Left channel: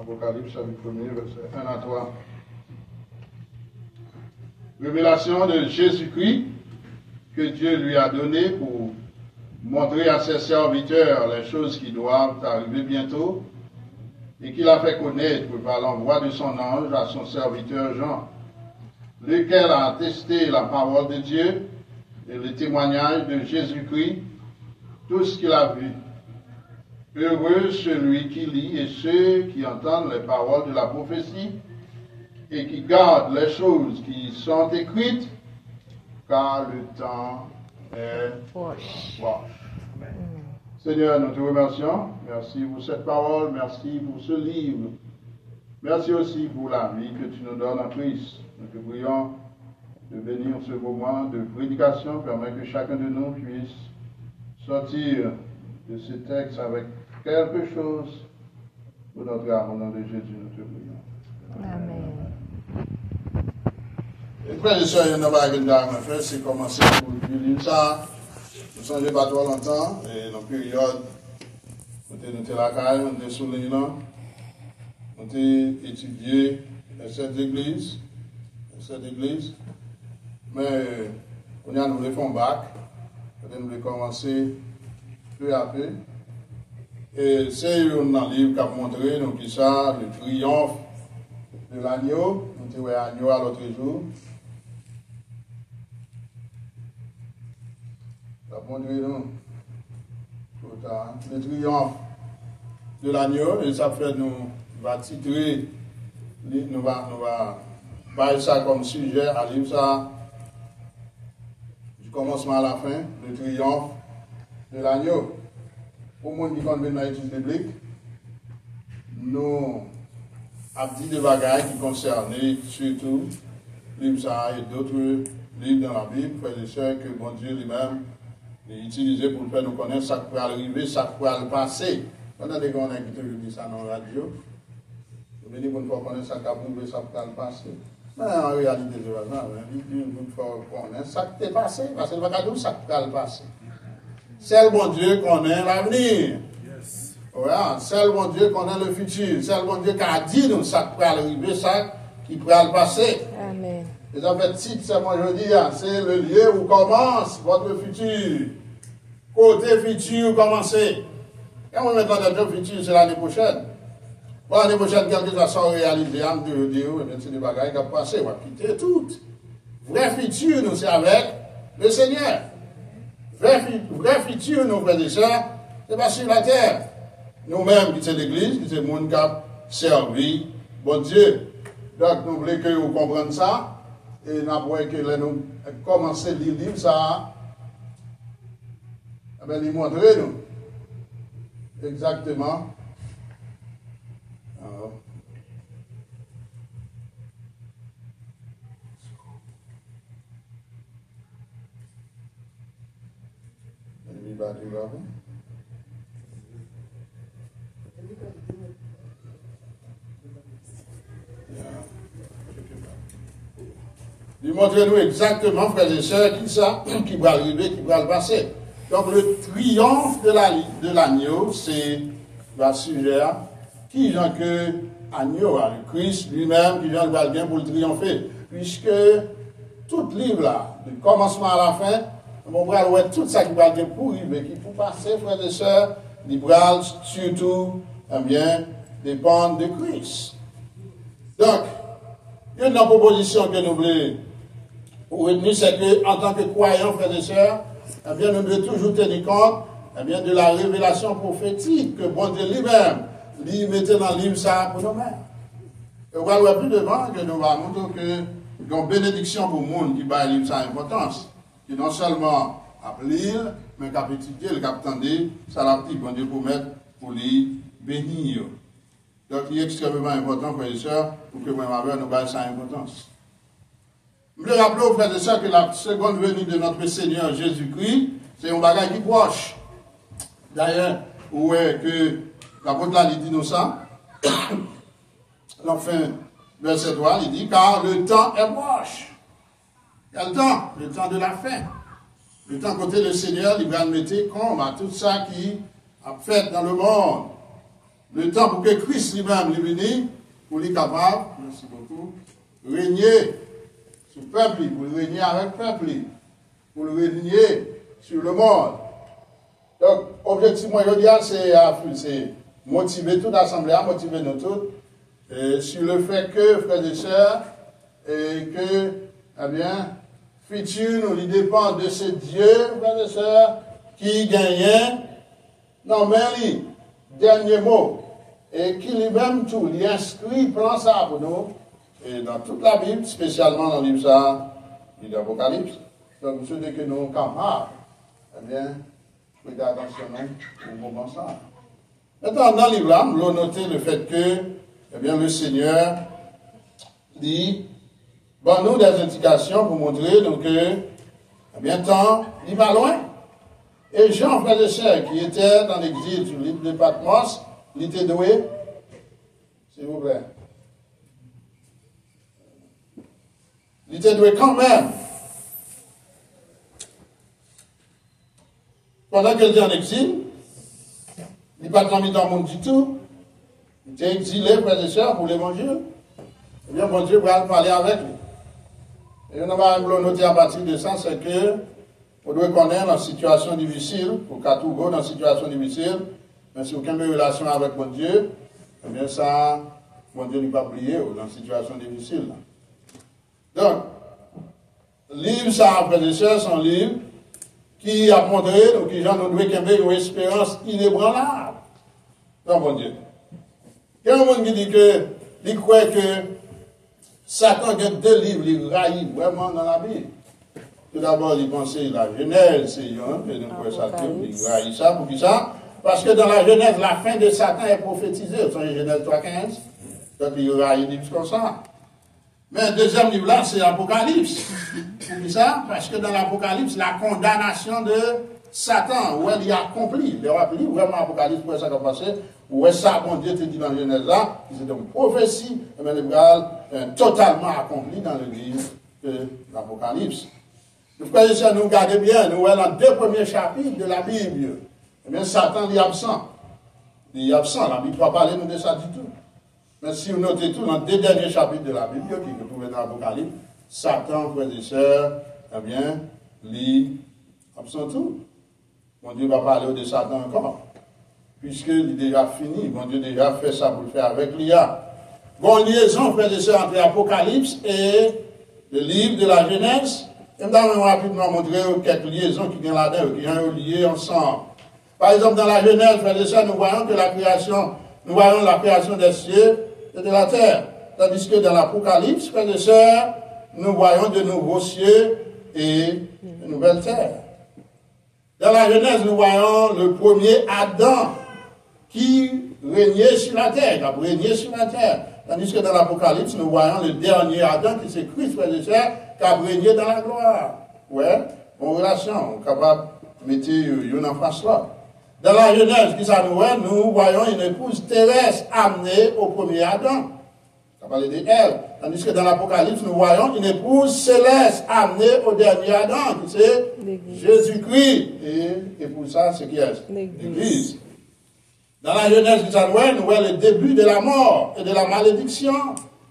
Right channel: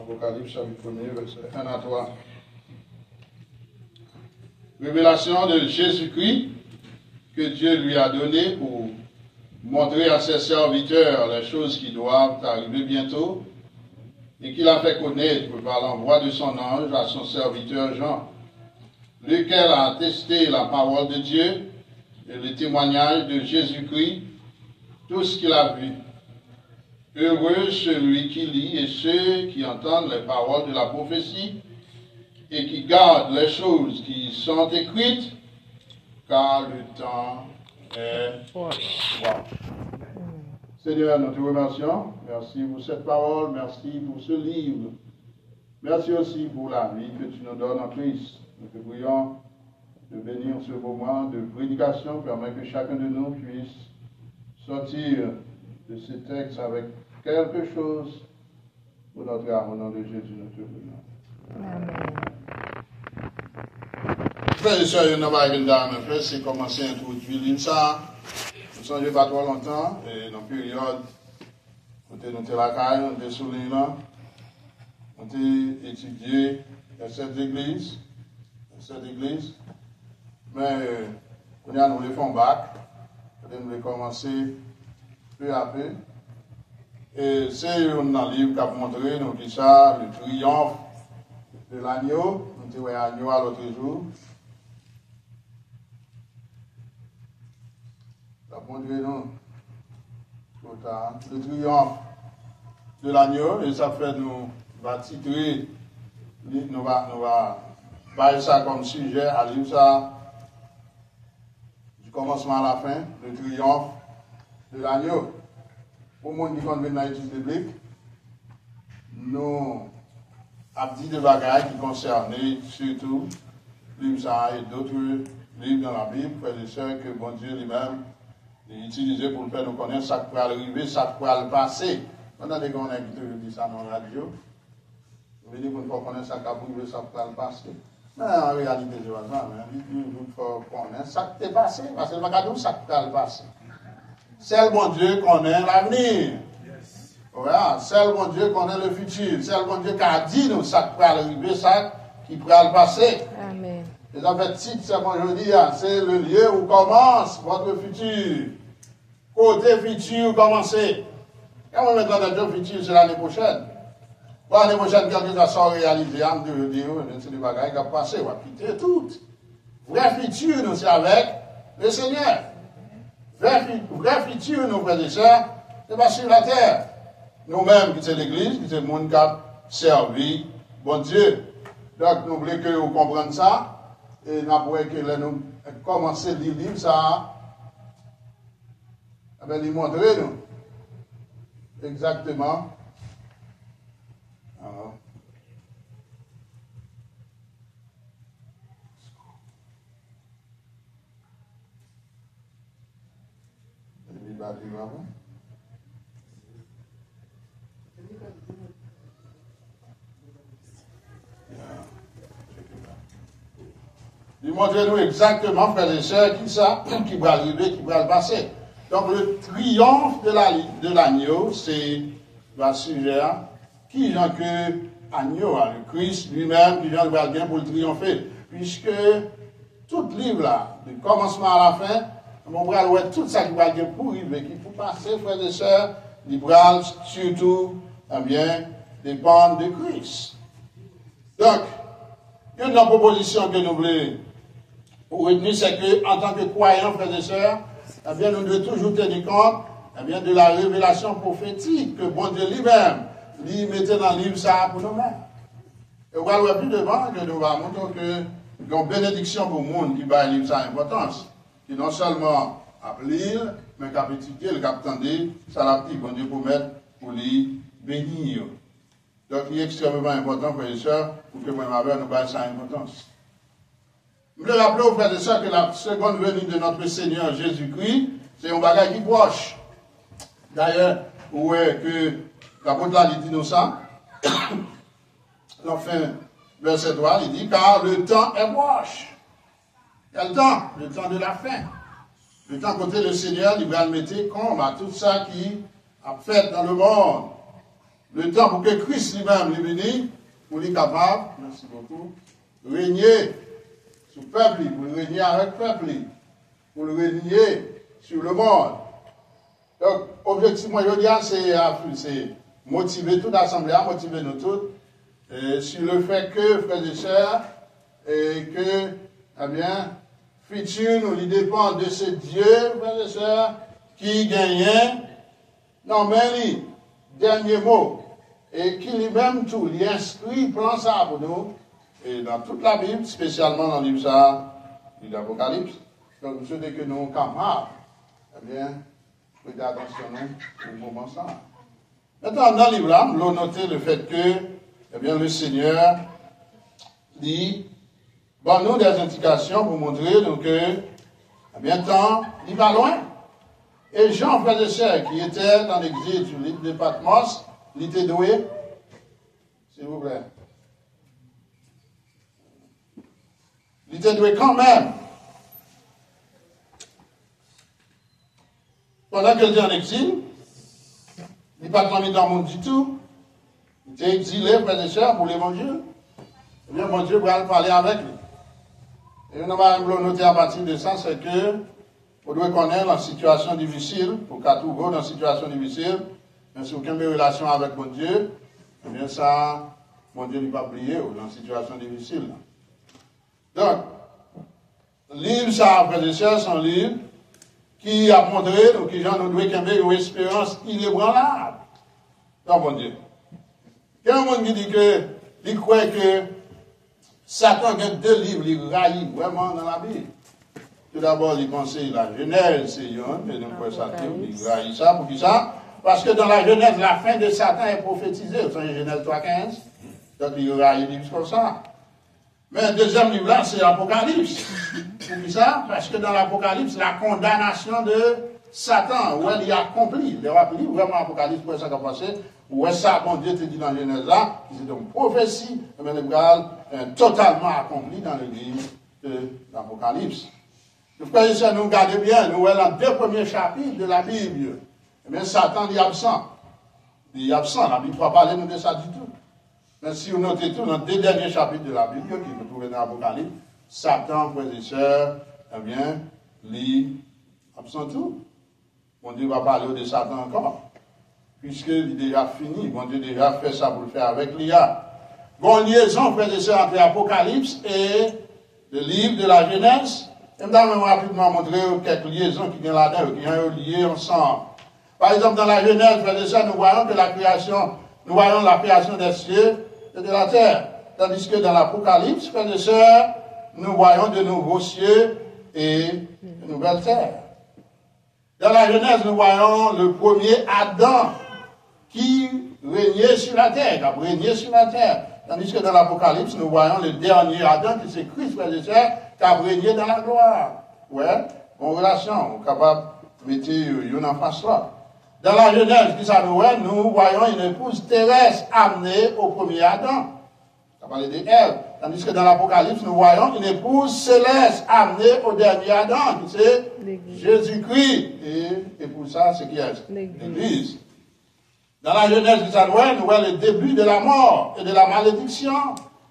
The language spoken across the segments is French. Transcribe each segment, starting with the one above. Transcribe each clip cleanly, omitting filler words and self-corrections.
Apocalypse chapitre 1er, verset 1 à 3. Révélation de Jésus-Christ que Dieu lui a donné pour montrer à ses serviteurs les choses qui doivent arriver bientôt et qu'il a fait connaître par l'envoi de son ange à son serviteur Jean, lequel a attesté la parole de Dieu et le témoignage de Jésus-Christ, tout ce qu'il a vu. Heureux celui qui lit et ceux qui entendent les paroles de la prophétie et qui gardent les choses qui sont écrites, car le temps est froid. Seigneur, nous te remercions. Merci pour cette parole, merci pour ce livre. Merci aussi pour la vie que tu nous donnes en Christ. Nous te prions de bénir ce moment de prédication, permet que chacun de nous puisse sortir de ce texte avec quelque chose pour notre âme. Au nom de Jésus, nous te prions. Amen. Frères et sœurs, il y en a une dame, c'est commencer pour utiliser ça. Vous ne changez pas trop longtemps, et dans la période, nous sommes la caille, nous sommes sous l'île, nous avons étudié cette église, mais on a nous fait un bac, nous avons commencé peu à peu. Et c'est un livre qui a montré, nous dit ça, le triomphe de l'agneau, nous avons l'agneau à l'autre jour. Ça a montré, nous, le triomphe de l'agneau, et ça fait nous va titrer, nous va parler ça comme sujet, à lire ça du commencement à la fin, le triomphe de l'agneau. Pour le monde qui connaît dans l'étude biblique, nous avons dit des bagages qui concernaient surtout livre ça et d'autres livres dans la Bible, frères et sœurs, que bon Dieu lui-même a utilisé pour faire nous connaître ça qui peut arriver, ça qui peut passer. Pendant des gens qui toujours dit ça dans la radio, vous venez pour nous connaître ça qui peut arriver, ça qui peut passer. Mais en réalité, c'est pas ça. Il faut connaître ça qui peut passer, parce que le bagage ça qui peut passer. Seul bon Dieu connaît l'avenir. Yes. Voilà. Seul bon Dieu connaît le futur. Seul bon Dieu qui a dit nous ça qui peut arriver, ça qui peut passer. Amen. Et en fait, titre, c'est moi je dis, c'est le lieu où commence votre futur. Côté futur, commencez. Quand on met dans le futur, c'est l'année prochaine. Bon, l'année prochaine, quand ça sort réalisé, on peut dire, c'est des bagages qui vont passer, on va quitter tout. Vrai futur, nous, c'est avec le Seigneur. Vrai futur, nos frères et sœurs, c'est pas sur la terre. Nous-mêmes, qui c'est l'Église, qui c'est le monde qui a servi, bon Dieu. Donc, nous voulons que vous compreniez ça, et nous avons que nous commencer à lire le livre, ça, eh bien, lui montrer, nous, exactement. Alors. Montrez-nous exactement, frères et sœurs, qui ça, qui va arriver, qui va passer. Donc, le triomphe de l'agneau, c'est le sujet, qui genre que agneau, le Christ lui-même, qui genre va bien pour le triompher. Puisque tout livre là, du commencement à la fin, mon bras, ouais, tout ça qui va bien pour arriver, qui pour passer, frères et sœurs, les bras, surtout, eh bien, dépendent de Christ. Donc, il y a une proposition que nous voulons retenir, c'est qu'en tant que croyants, frères et sœurs, eh bien, nous devons toujours tenir compte eh bien, de la révélation prophétique que bon Dieu lui-même lui mettait dans le livre ça pour nous-mêmes. Et on va voir plus devant que nous allons montrer que il y a une bénédiction pour le monde qui va livre ça importance, qui non seulement a lire, mais qui a étudié, qui a attendu, ça l'a dit, bon Dieu pour mettre, pour lui bénir. Donc, il est extrêmement important, frères et sœurs, pour que moi-même nous baille sa importance. Je rappelle aux frères et sœurs que la seconde venue de notre Seigneur Jésus-Christ, c'est un bagage qui proche. D'ailleurs, où est que l'apôtre là, il dit nous ça. Enfin, verset 3, il dit, car le temps est proche. Quel temps? Le temps de la fin. Le temps côté le Seigneur, il va mettre compte à tout ça qui a fait dans le monde. Le temps pour que Christ lui-même lui bénisse, pour lui capable, merci beaucoup, régner sur le peuple, pour le régner avec le peuple, pour le régner sur le monde. Donc, objectivement, je dis, c'est motiver toute l'Assemblée, motiver nous tous, sur le fait que, frères et sœurs, et que, eh bien, futur, nous lui dépend de ce Dieu, frères et sœurs, qui gagne, non, mais dernier mot, et qui lui-même tout, lui inscrit, prend ça pour nous, et dans toute la Bible, spécialement dans le livre ça, de l'Apocalypse. Donc, ceux que nous camarades, eh bien, faites attention au moment ça. Maintenant, dans le livre là, nous notons le fait que, eh bien, le Seigneur dit, bon, nous des indications pour montrer donc, que, eh bien, temps, il va loin. Et Jean, frère et sœur, qui était dans l'exil sur l'île de Patmos, il était doué, s'il vous plaît. Il était doué quand même. Pendant qu'il était en exil, il n'est pas tombé dans le monde du tout. Il était exilé, frère et sœurs, pour l'évangile. Eh bien, mon Dieu va parler avec lui. Et on va noter à partir de ça, c'est que on doit connaître la situation difficile, pour qu'à tout go dans une situation difficile, mais si aucune relation avec mon Dieu, eh bien ça, mon Dieu n'est pas oublié dans une situation difficile. Donc, livre ça, frères et sœurs, son livre, qui a montré, donc, qui nous doit une espérance inébranlable dans mon Dieu. Il y a un monde qui dit que, il croit que Satan a deux livres, il raille vraiment dans la Bible. Tout d'abord, il pensait la Genèse, c'est un, et donc Satan, il raille ça, pour qui ça? Parce que dans la Genèse, la fin de Satan est prophétisée, c'est Genèse 3.15, donc il raille des livres comme ça. Mais le deuxième livre là, c'est l'Apocalypse. Pour qui ça? Parce que dans l'Apocalypse, la condamnation de Satan, où elle y a accompli, il aura pris vraiment l'Apocalypse, pour ça qu'on passait, où est ça, bon Dieu te dit dans Genèse là, c'est une prophétie, mais le gars totalement accompli dans le livre de l'Apocalypse. Le frère et sœurs, nous regardez bien, nous voyons dans deux premiers chapitres de la Bible. Eh bien, Satan est absent. Il est absent, la Bible ne va pas parler de ça du tout. Mais si vous notez tout, dans les deux derniers chapitres de la Bible, qui vous trouvez dans l'Apocalypse, Satan, frères et sœurs, eh bien, il est absent tout. Mon Dieu va parler de Satan encore. Puisqu'il est déjà fini, mon Dieu a déjà fait ça pour le faire avec l'IA. Bon, liaison, frères et sœurs, entre l'Apocalypse et le livre de la Genèse. Et nous allons rapidement montrer quelques liaisons qui viennent là-dedans, qui sont liées ensemble. Par exemple, dans la Genèse, frères et sœurs, nous voyons que la création des cieux et de la terre. Tandis que dans l'Apocalypse, frères et sœurs, nous voyons de nouveaux cieux et de nouvelles terres. Dans la Genèse, nous voyons le premier Adam qui régnait sur la terre, qui a régné sur la terre. Tandis que dans l'Apocalypse, nous voyons le dernier Adam qui c'est Christ, frères et sœurs, qui a régné dans la gloire. Ouais, en relation, on est capable de mettre une en face là. Dans la Genèse, qui ça nous voyons une épouse terrestre amenée au premier Adam. Ça parle de elle. Tandis que dans l'Apocalypse, nous voyons une épouse céleste amenée au dernier Adam, qui c'est Jésus-Christ. Et pour ça, c'est qui est l'Église. Dans la Genèse, qui ça nous voyons le début de la mort et de la malédiction.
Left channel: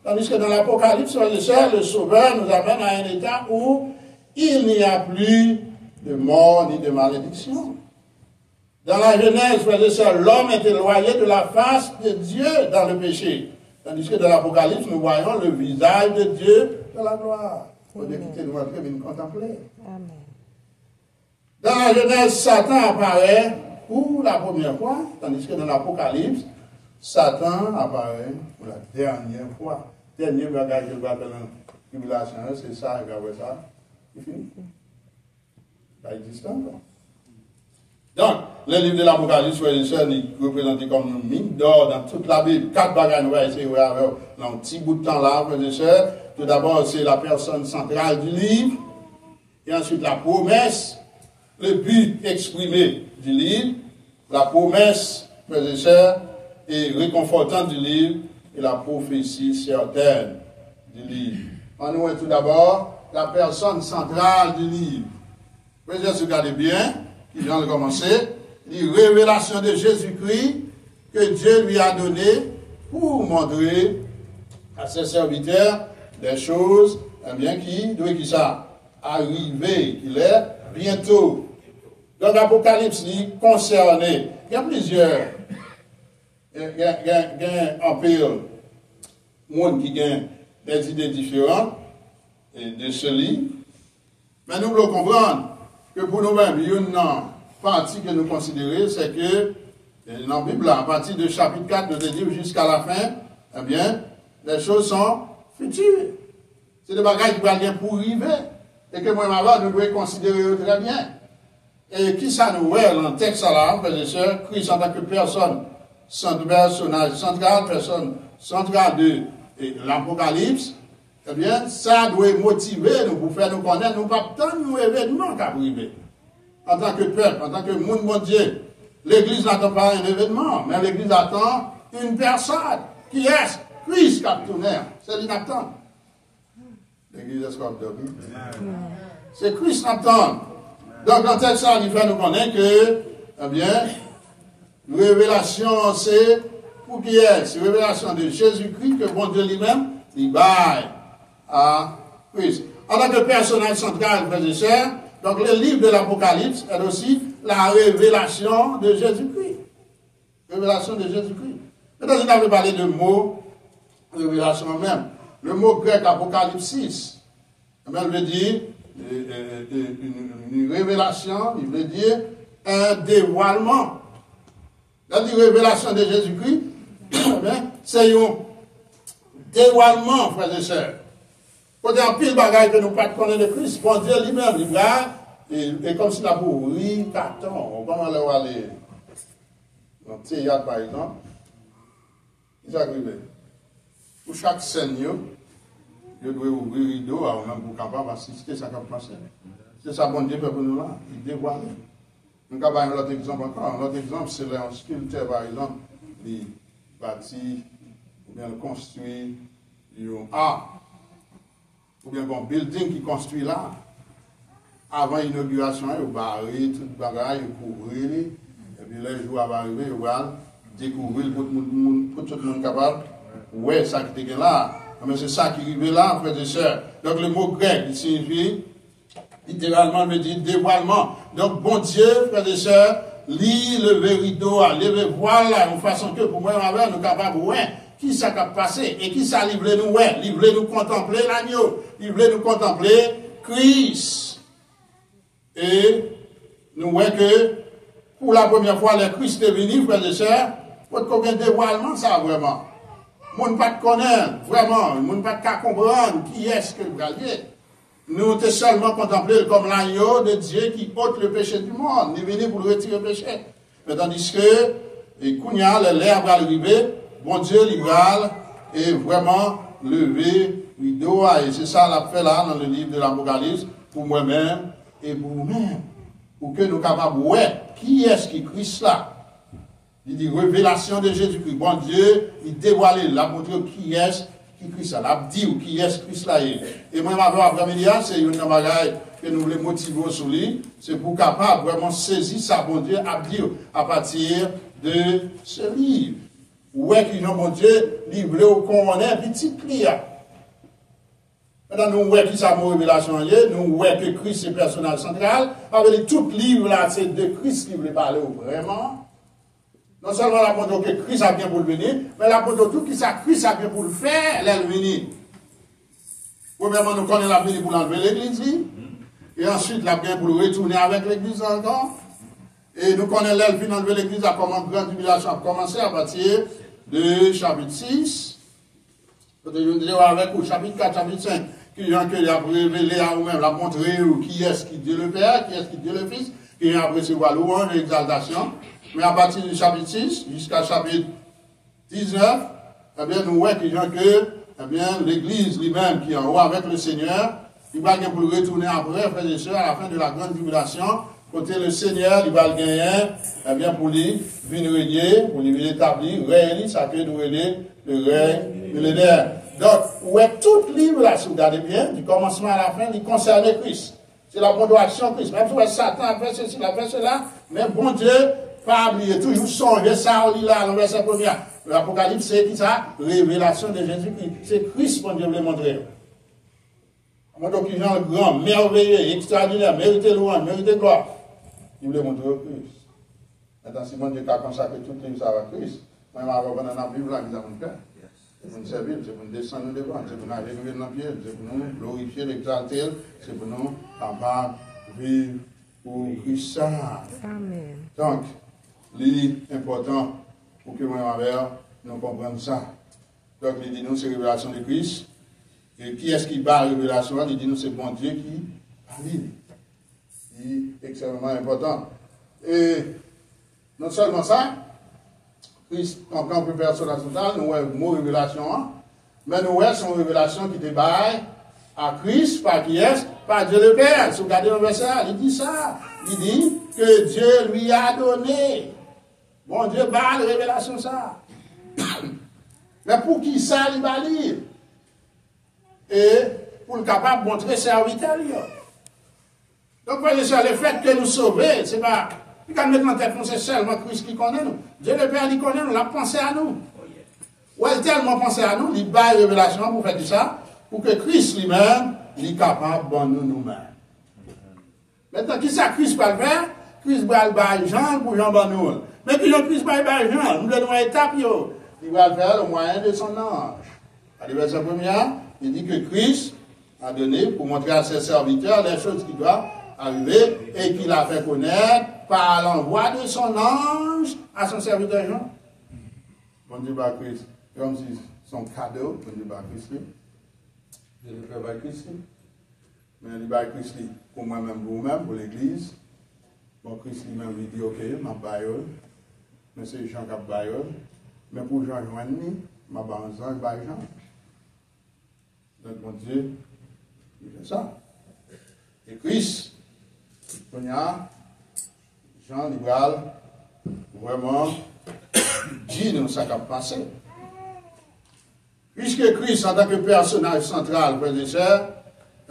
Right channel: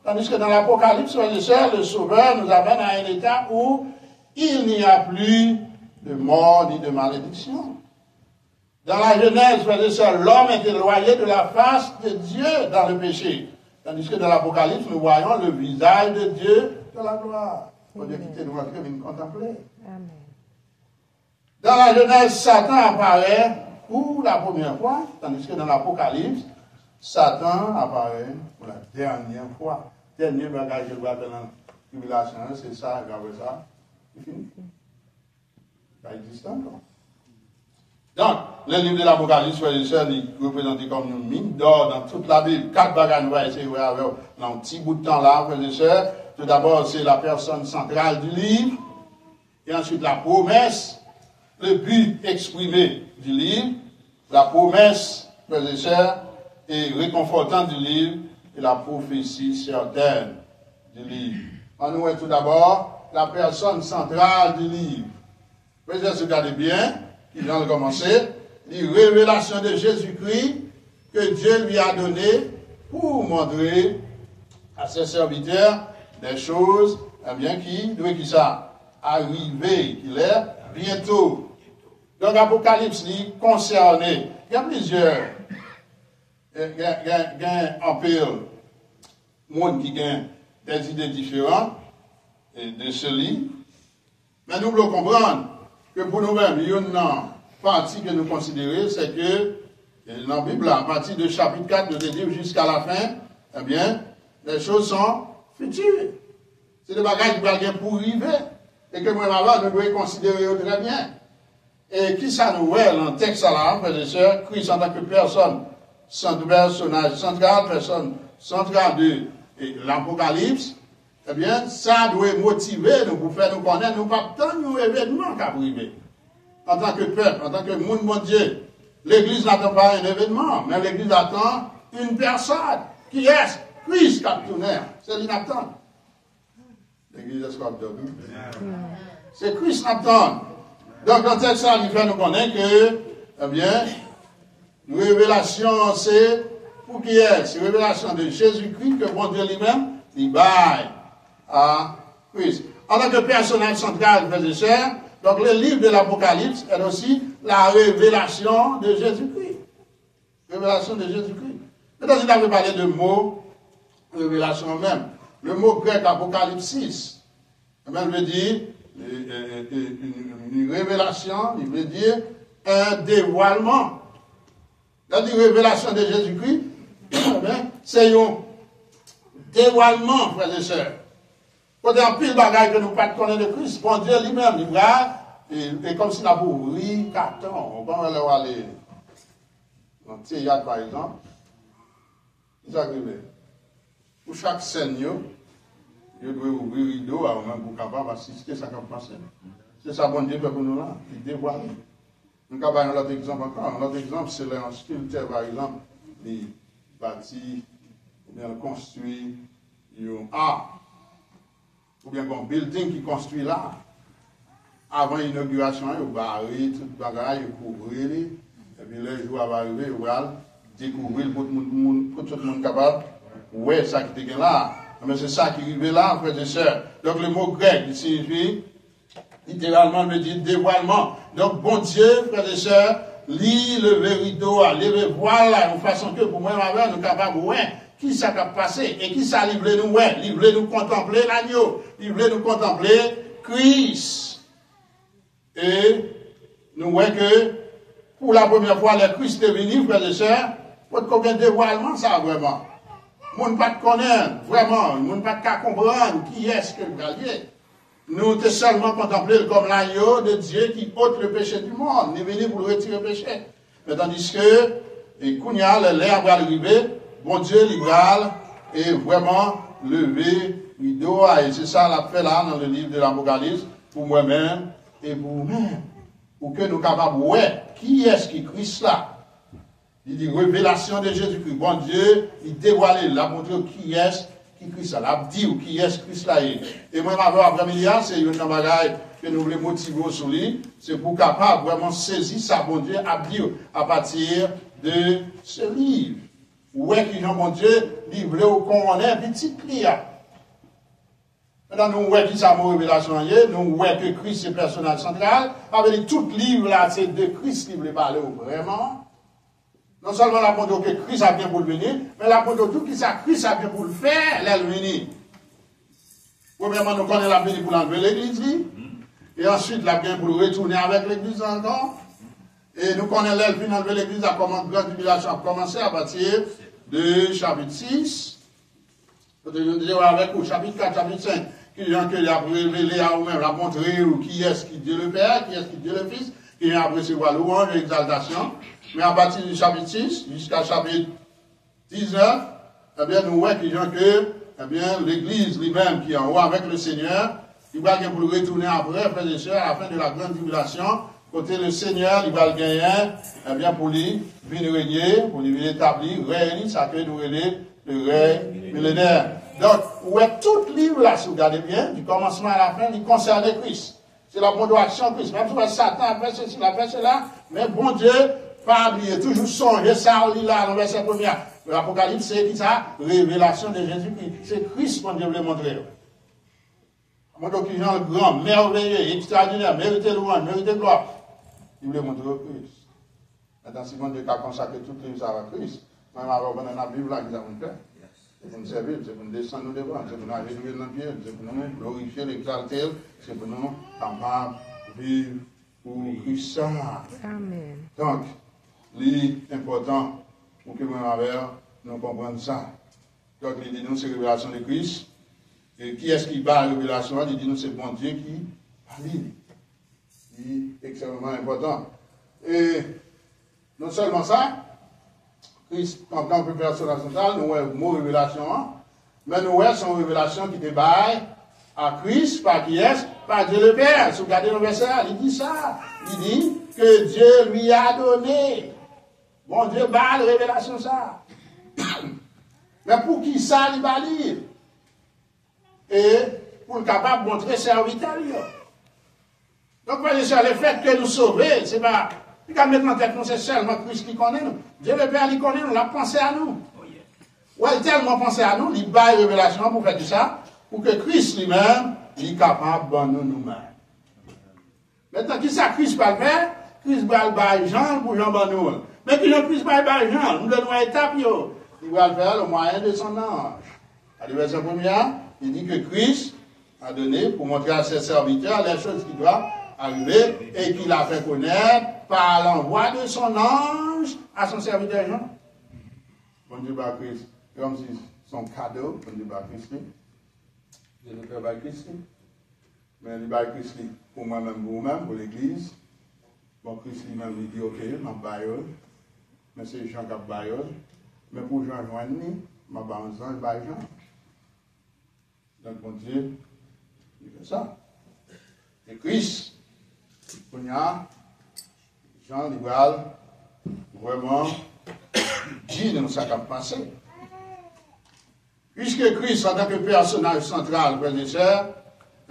Tandis que dans l'Apocalypse, le Sauveur nous amène à un état où il n'y a plus de mort ni de malédiction. Dans la Genèse, frères et sœurs, l'homme est éloigné de la face de Dieu dans le péché. Tandis que dans l'Apocalypse, nous voyons le visage de Dieu dans la gloire. Pour Dieu quitter nous entrer, mais nous contempler. Amen. Dans la Genèse, Satan apparaît pour la première fois, tandis que dans l'Apocalypse, Satan apparaît pour la dernière fois. Dernier bagage que je vois dans la tribulation, c'est ça, regardez ça. C'est fini. Ça existe encore. Donc, le livre de l'Apocalypse, frères et sœurs, il représente comme une mine d'or dans toute la Bible. Quatre bagages, nous allons essayer de voir dans un petit bout de temps là, frères et sœurs. Tout d'abord, c'est la personne centrale du livre. Et ensuite, la promesse, le but exprimé du livre, la promesse, frères et sœurs, et réconfortante du livre, et la prophétie certaine du livre. On nous voit tout d'abord la personne centrale du livre. Frères et sœurs, regardez bien. Qui vient de commencer, les révélations de Jésus-Christ que Dieu lui a donné pour montrer à ses serviteurs des choses, eh bien, qui ça arriver, qu'il est bientôt. Donc, l'Apocalypse, il concerne, il y a plusieurs, il y a un peu de monde qui a des idées différentes de ce livre. Mais nous devons comprendre que pour nous-mêmes, il y a une partie que nous considérons, c'est que dans la Bible, à partir du chapitre 4 de livre jusqu'à la fin, eh bien, les choses sont futures. C'est des bagages qui vont pour arriver. Et que moi, nous devons considérer très bien. Et qui ça nous voit dans le texte là, frères et sœurs, Christ en tant que personne, personnage central, personne centrale de l'Apocalypse, eh bien, ça doit motiver nous pour faire nous connaître, nous pas tant un événement qui arrivé. En tant que peuple, en tant que monde bon Dieu, l'Église n'attend pas un événement, mais l'Église attend une personne. Qui est Christ captonnaire. C'est l'inaptend. L'Église est captonnaire. C'est Christ n'attend. Donc, dans le texte, ça, il fait nous connaître que, eh bien, révélation, c'est pour qui est? C'est révélation de Jésus-Christ que bon Dieu lui-même, il baille à Christ. En tant que personnage central, frères et sœurs, donc le livre de l'Apocalypse est aussi la révélation de Jésus-Christ. Révélation de Jésus-Christ. Maintenant, il avait parlé de mots, révélation même. Le mot grec apocalypsis, il veut dire une révélation, il veut dire un dévoilement. La révélation de Jésus-Christ, c'est un dévoilement, frères et sœurs. Quand il y a un pile de bagages que nous ne connaissons pas de Christ, bon Dieu lui-même, il va, et comme s'il a pour rire, carton, on va aller dans le théâtre par exemple, il arrive. Pour chaque scène, je dois ouvrir le rideau avant même pour capable assister à ce qui va passer. C'est ça, bon Dieu, pour nous là, il dévoile. Nous avons un autre exemple encore. Un autre exemple, c'est un sculpteur, par exemple, il bâtit, ou bien construit un art, ou bien un building qui construit là. Avant l'inauguration, il barré tout le bagage, il couvrait, et puis les jours va arriver, il va découvrir pour tout le monde capable. Ouais, ça qui était là. Mais c'est ça qui arrive là, frères et sœurs. Donc le mot grec, il signifie, littéralement, il veut dire dévoilement. Donc, bon Dieu, frères et sœurs, lit le rideau, lever voilà, une façon que pour moi, nous sommes capables, ouais, qui ça a passé, et qui ça livre nous, ouais, livre nous contempler l'agneau, livre nous contempler Christ. Et nous voyons que, pour la première fois, le Christ est venu, frères et sœurs, pour combien de dévoilement ça, vraiment. Moun pas de connaître, vraiment, moun pas de comprendre qui est-ce que le galier. Nous te seulement contempler comme l'agneau de Dieu qui ôte le péché du monde, ni venu pour retirer le péché. Mais tandis que, et Kounia, l'air va arriver, bon Dieu, il va, et vraiment, lever, rideau, et c'est ça, l'a fait là, dans le livre de l'Apocalypse, pour moi-même, et pour vous-même. Pour que nous capables, ouais, qui est-ce qui Christ là? Il dit révélation de Jésus-Christ. Bon Dieu, il dévoile, il a montré qui est qui Christ là. Il a dit qui est Christ là. Et moi, après-midi, c'est une bagaille que nous voulons motiver sur lui. C'est pour capable vraiment saisir ça, bon Dieu, à dire à partir de ce livre. Où est que bon Dieu, livre qu'on connaît, petit client. Maintenant, nous voyons qui ça mot révélation, nous voyons que Christ est le personnage central. Avec tout livre là, c'est de Christ qui veut parler vraiment. Non seulement la montre que Christ a bien pour le venir, mais la montre tout qui ça Christ a bien pour le faire, là, le venir. Premièrement, nous connaissons la venir pour l'enlever l'église, et ensuite, la bien pour le retourner avec l'église encore. Et nous connaissons l'elfe pour enlever l'église, à comment grande tribulation a commencé à partir de chapitre 6. Peut-être nous disons avec au chapitre 4, chapitre 5, qui a révélé à vous-même, la montrer qui est-ce qui Dieu le Père, qui est-ce qui Dieu le Fils, qui a recevoir louange et exaltation. Mais à partir du chapitre 6 jusqu'à chapitre 19, eh bien, nous voyons que, eh bien, l'église lui-même qui est en haut avec le Seigneur, il va pour le retourner après, frères et sœurs, à la fin de la grande tribulation. Côté le Seigneur, il va le gagner, eh bien, pour lui, venir régner, pour lui établir, règne, ça que nous régner, le règne millénaire. Donc, ouais, tout livre là, si vous regardez bien, du commencement à la fin, il concerne Christ. C'est la bonne action de Christ. Même si Satan a fait ceci, il a fait cela, mais bon Dieu, pas oublier, toujours songer ça, on lit là, dans le verset 1er. L'Apocalypse, c'est qui ça? Révélation de Jésus-Christ. C'est Christ qu'on Dieu veut montrer. Moi, donc, il y a un grand, merveilleux, extraordinaire, mérité louange, mérité gloire. Il voulait montrer au Christ. Maintenant, si mon Dieu a consacré toutes les choses à Christ, même avant qu'on a Bible là, nous avons fait. C'est pour nous servir, c'est pour nous descendre nous devant, c'est pour nous aller dans le pied, c'est pour nous glorifier, l'exalter, c'est pour nous capables de vivre pour Christ. Amen. Donc, l'important pour que moi envers nous comprenions ça. Donc, il dit nous, c'est la révélation de Christ. Et qui est-ce qui bat la révélation? Il dit nous, c'est bon Dieu qui parle. C'est extrêmement important. Et non seulement ça, Christ, en tant que personne totale, nous avons le mot révélation, mais nous avons son révélation qui débaille à Christ, par qui est? Par Dieu le Père. Si vous regardez le verset, il dit ça. Il dit que Dieu lui a donné. Bon Dieu bat la révélation ça. Mais pour qui ça, il va lire? Et pour le capable de montrer serviteur. Donc, voyez ça, le fait que nous sauver, c'est pas. Il quand mettre en tête, c'est seulement Christ qui connaît nous. Dieu le Père, il connaît nous, il a pensé à nous. Ou il a tellement pensé à nous, il bat la révélation pour faire ça, pour que Christ lui-même, il est capable de nous nous-mêmes. Maintenant, qui ça Christ va le faire? Christ va le bailler Jean pour Jean Bannoul. Mais puis Christ va le bailler Jean, nous donnons une étape, il va le faire au moyen de son ange. À la verset 1er, il dit que Christ a donné pour montrer à ses serviteurs les choses qui doivent arriver et qu'il a fait connaître par l'envoi de son ange à son serviteur Jean. Bon Dieu va Christ, comme si son cadeau, bon Dieu va Christ, Dieu le Père va Christ, mais il va Christ pour moi-même, pour vous-même, pour l'Église. Bon, Christ lui-même lui dit, ok, ma bailleul, mais c'est Jean qui a bailleul, mais pour Jean joindre, ma bailleul, il baille Jean. Donc, mon Dieu, il fait ça. Et Christ, Jean Libral, vraiment, dit nous ça qui a passé. Puisque Christ, en tant que personnage central, frères et sœurs,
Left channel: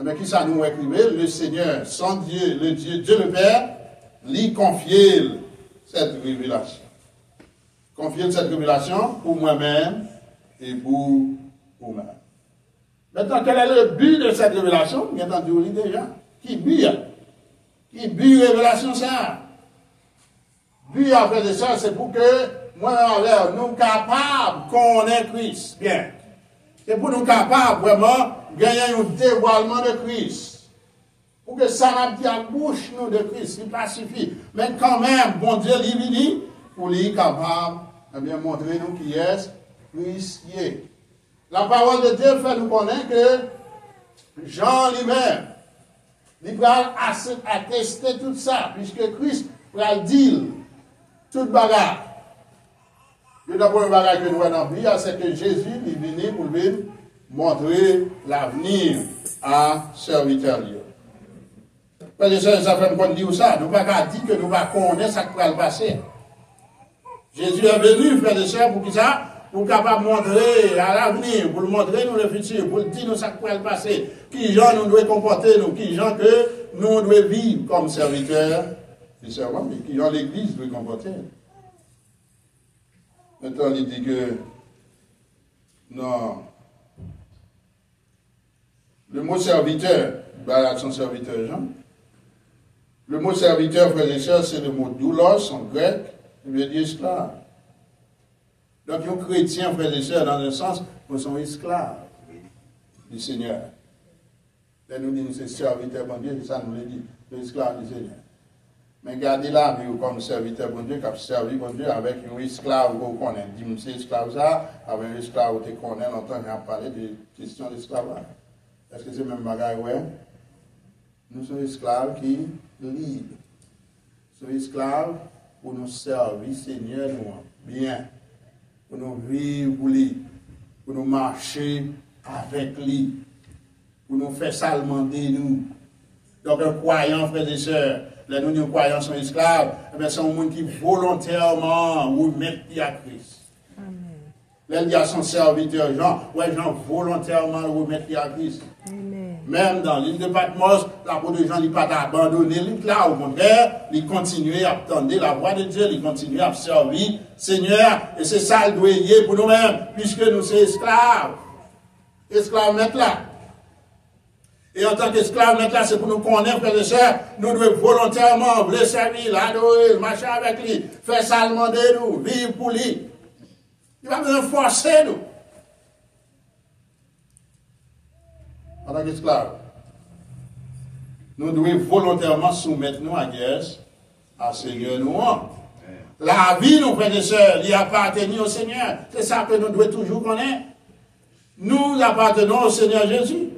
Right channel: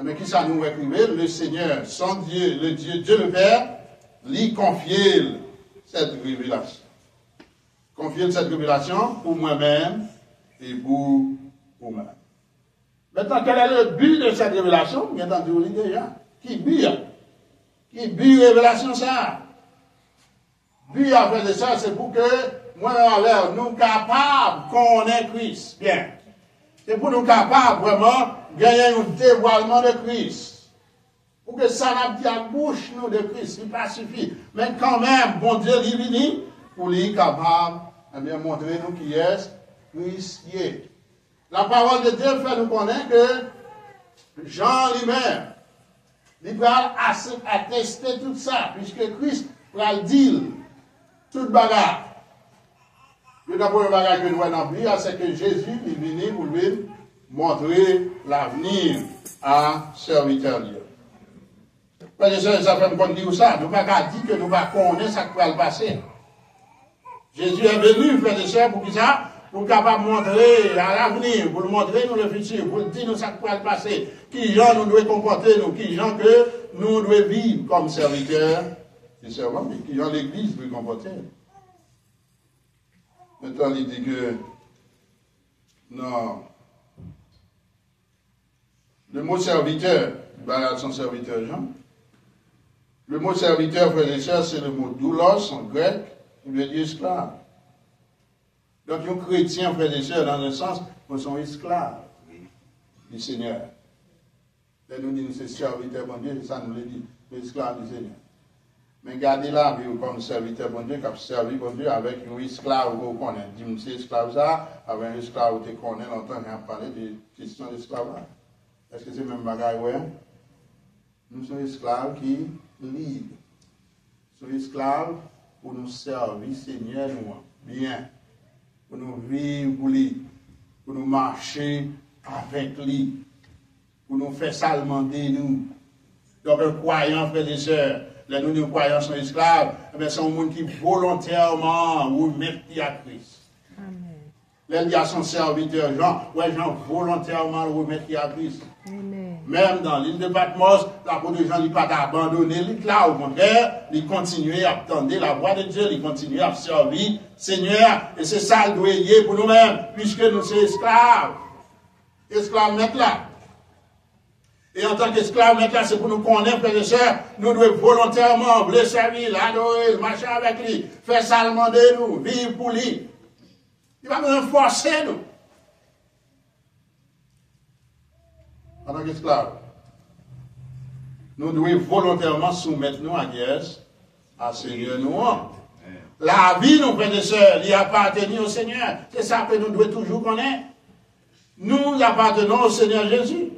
mais qui ça nous écrivait, le Seigneur, son Dieu, le Dieu le Père, lui confier cette révélation. Confier cette révélation pour moi-même et pour vous-même. Maintenant, quel est le but de cette révélation? Bien entendu, on lit déjà. Qui but révélation ça? But, après de ça, c'est pour que, moi, en nous capables qu'on ait Christ. Bien. C'est pour nous capables, vraiment, gagner un dévoilement de Christ. Pour que ça n'a pas à bouche, nous, de Christ. Il pas suffit. Mais quand même, bon Dieu, il vient pour lui capable, eh bien, montrer nous qui est Christ qui est. La parole de Dieu fait nous connaître que Jean lui-même, il va attester tout ça, puisque Christ va dire toute bagarre. Le d'abord bagarre que nous avons dans la Bible, c'est que Jésus est venu pour lui montrer l'avenir à serviteur. Parce que ça fait qu'on dit ça, nous ne pouvons pas dire que nous ne connaissons pas ce qui va le passer. Jésus est venu, frères et sœurs, pour qui ça? Pour capable montrer à l'avenir, pour montrer nous le futur, pour dire nous ça qui va le passer, qui gens nous devons comporter, nous, qui gens que nous devons vivre comme serviteurs et servants, qui gens l'Église doit comporter. Maintenant, il dit que non. Le mot serviteur, il va à son serviteur Jean. Le mot serviteur, frères et sœurs, c'est le mot doulos en grec, qui veut dire esclave. Donc, les chrétiens, frères et sœurs, dans un sens, ils sont esclaves du Seigneur. Là, nous disons, c'est serviteur, bon Dieu, ça nous le dit, l'esclave du Seigneur. Mais gardez là, comme serviteur, bon Dieu, qui a servi, bon Dieu, avec un esclave, vous connaissez, dit, c'est esclave ça, avec un esclave, vous connaissez, longtemps, on a parlé de question d'esclavage. Est-ce que c'est même bagaille, ouais? Nous sommes esclaves qui libres. Nous sommes esclaves pour nous servir, Seigneur, nous, bien. Pour nous vivre pour lui, pour nous marcher avec lui, pour nous faire salmenter nous. Donc un croyant, frères et sœurs, là nous croyants sont esclaves, c'est un monde qui volontairement remet à Christ. Là il y a son serviteur Jean, ouais Jean volontairement remet à Christ. Amen. même dans l'île de Patmos, l'apôtre Jean n'a pas abandonné l'île là, au contraire, il continue à attendre la voix de Dieu, il continue à servir Seigneur, et c'est ça le doit y pour nous-mêmes, puisque nous sommes esclaves. Esclaves maîtres là. Et en tant qu'esclaves maîtres là, c'est pour nous connaître, frères et sœurs, nous devons volontairement le servir, l'adorer, marcher avec lui, faire ça demander nous, vivre pour lui. Il va nous forcer nous. En tant qu'esclaves, nous devons volontairement soumettre nous à Dieu, à Seigneur nous. La vie, nos frères et sœurs, il appartient au Seigneur. C'est ça que nous devons toujours connaître. Nous appartenons au Seigneur Jésus.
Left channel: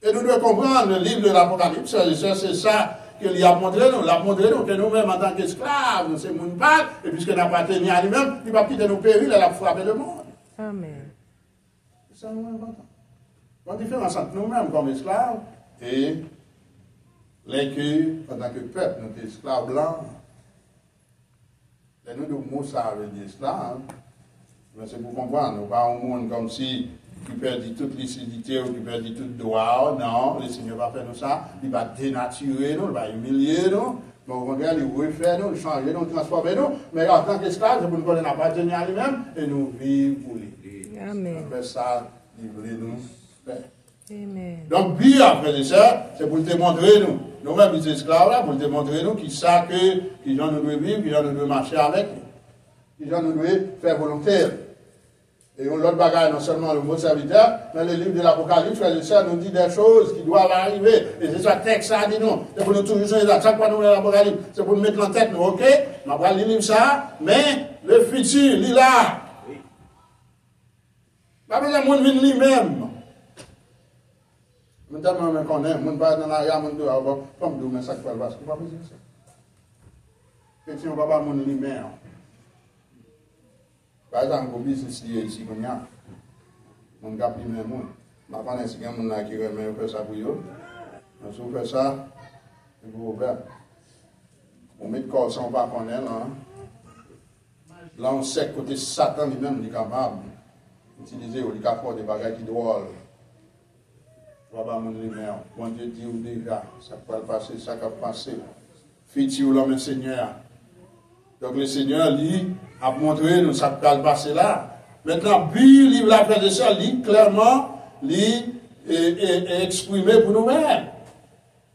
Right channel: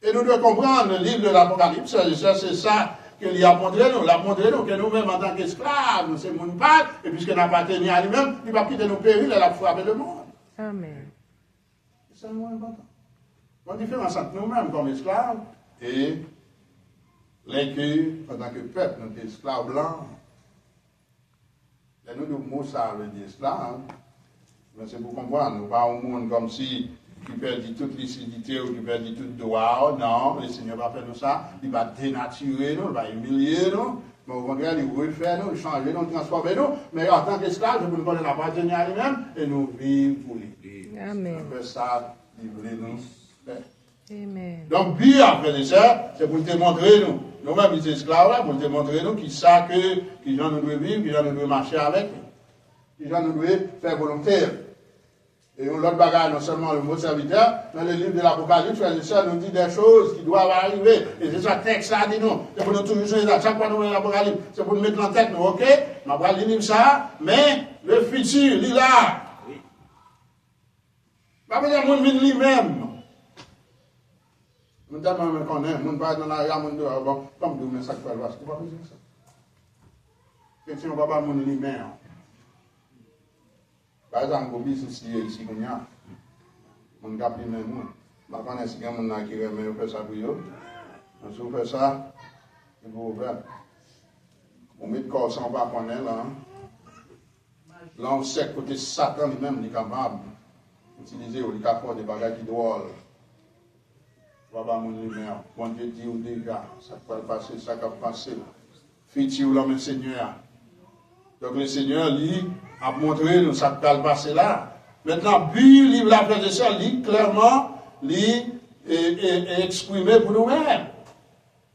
Et nous devons comprendre le livre de l'Apocalypse, c'est ça qu'il a montré nous. Il a montré nous que nous-mêmes, en tant qu'esclaves, nous sommes une part, et puisque nous appartenons à lui-même, il va quitter nos périls et la frapper le monde. Amen. C'est ça, moins important. La différence entre nous-mêmes comme esclaves et l'inclus en tant que peuple, notre esclave blanc. Et nous, nous mots ça veut dire esclave. Mais c'est pour comprendre, nous pas un monde comme si qui perdit toute lucidité ou qui perdit toute droit. Non, le Seigneur va faire nous ça. Il va dénaturer nous, il va humilier nous. Mais au contraire, il va faire nous, changer nous, transformer nous. Mais en tant qu'esclaves, nous connaissons appartenir à lui-même et nous vivons pour lui. Amen. On fait ça, livrer nous. Amen. Donc, bien, frères et sœurs, c'est pour te montrer nous. Nous-mêmes, les esclaves, là, pour te montrer nous qui savent qui gens nous doivent vivre, qui gens nous doivent marcher avec, qui gens nous doivent faire volontaire. Et l'autre bagage, non seulement le mot serviteur, mais le livre de l'Apocalypse, frères et sœurs, nous dit des choses qui doivent arriver. Et c'est ça, texte, ça dit non. C'est pour nous toujours changer ça. Chaque fois nous mettons l'Apocalypse, c'est pour nous mettre en tête, nous, ok? On va lire ça, mais le futur, il est là. Pas besoin de monde lui-même. Nous tellement même qu'on aime, nous ne pas dans la rue, nous devons comme nous, mais ça qui va le voir. C'est pas besoin de ça. Question, on va pas mon lui-même. Par exemple, au ici, comme il y a, on a pris même monde. Je ne sais pas si il y a un monde qui remet faire ça pour eux. Si vous faites ça, vous faire. On met le corps sans pas connaître là. Là, on sait que côté Satan lui-même, il est capable d'utiliser ou il capable des bagages qui doivent. Voilà mon lumière. Bon Dieu dit ou déjà, ça peut passer, ça peut passer. Futur l'homme Seigneur. Donc le Seigneur, lui, a montré nous ça peut passer là. Maintenant, puis, livre la frère de ça, lui, clairement, lui, est exprimé pour nous-mêmes.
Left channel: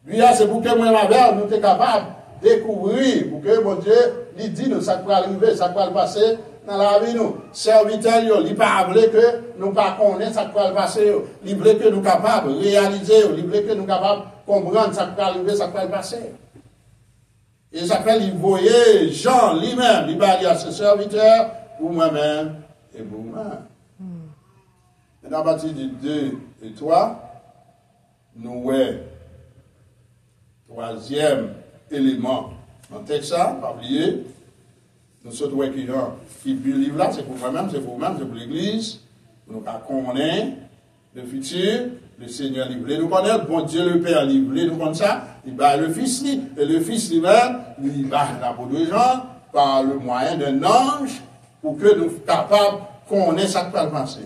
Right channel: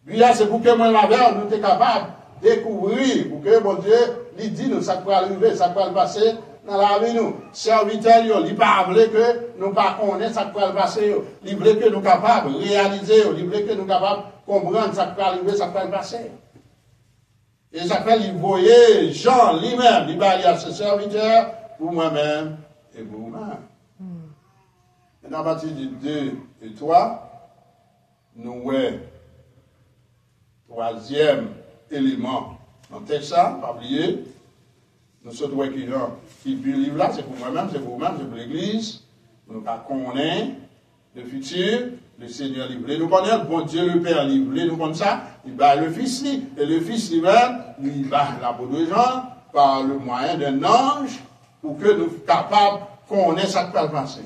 Lui, c'est pour que moi-même, nous sommes capables de découvrir, pour que mon Dieu, lui dit nous, ça peut arriver, ça peut passer dans la vie, nous. Serviteurs, il pas voulu que nous pas connaître ça peut passer. Il veut que nous capables de réaliser, il veut que nous capables de comprendre ça peut arriver, ça peut passer. Et ça fait, il voyait Jean lui-même, il va dire à ses serviteurs, pour moi-même et pour moi. Et dans la partie du 2 et 3, nous voyons troisième élément dans le texte, pas oublier, nous sommes qui lit le livre là, c'est pour moi-même, c'est pour vous-même, c'est pour l'Église, nous connaissons le futur, le Seigneur livré nous connaît, bon Dieu le Père livré nous connaît ça, il va le Fils, et le Fils lui-même, il va l'apôtre Jean par le moyen d'un ange pour que nous soyons capables de connaître ce qui va passer.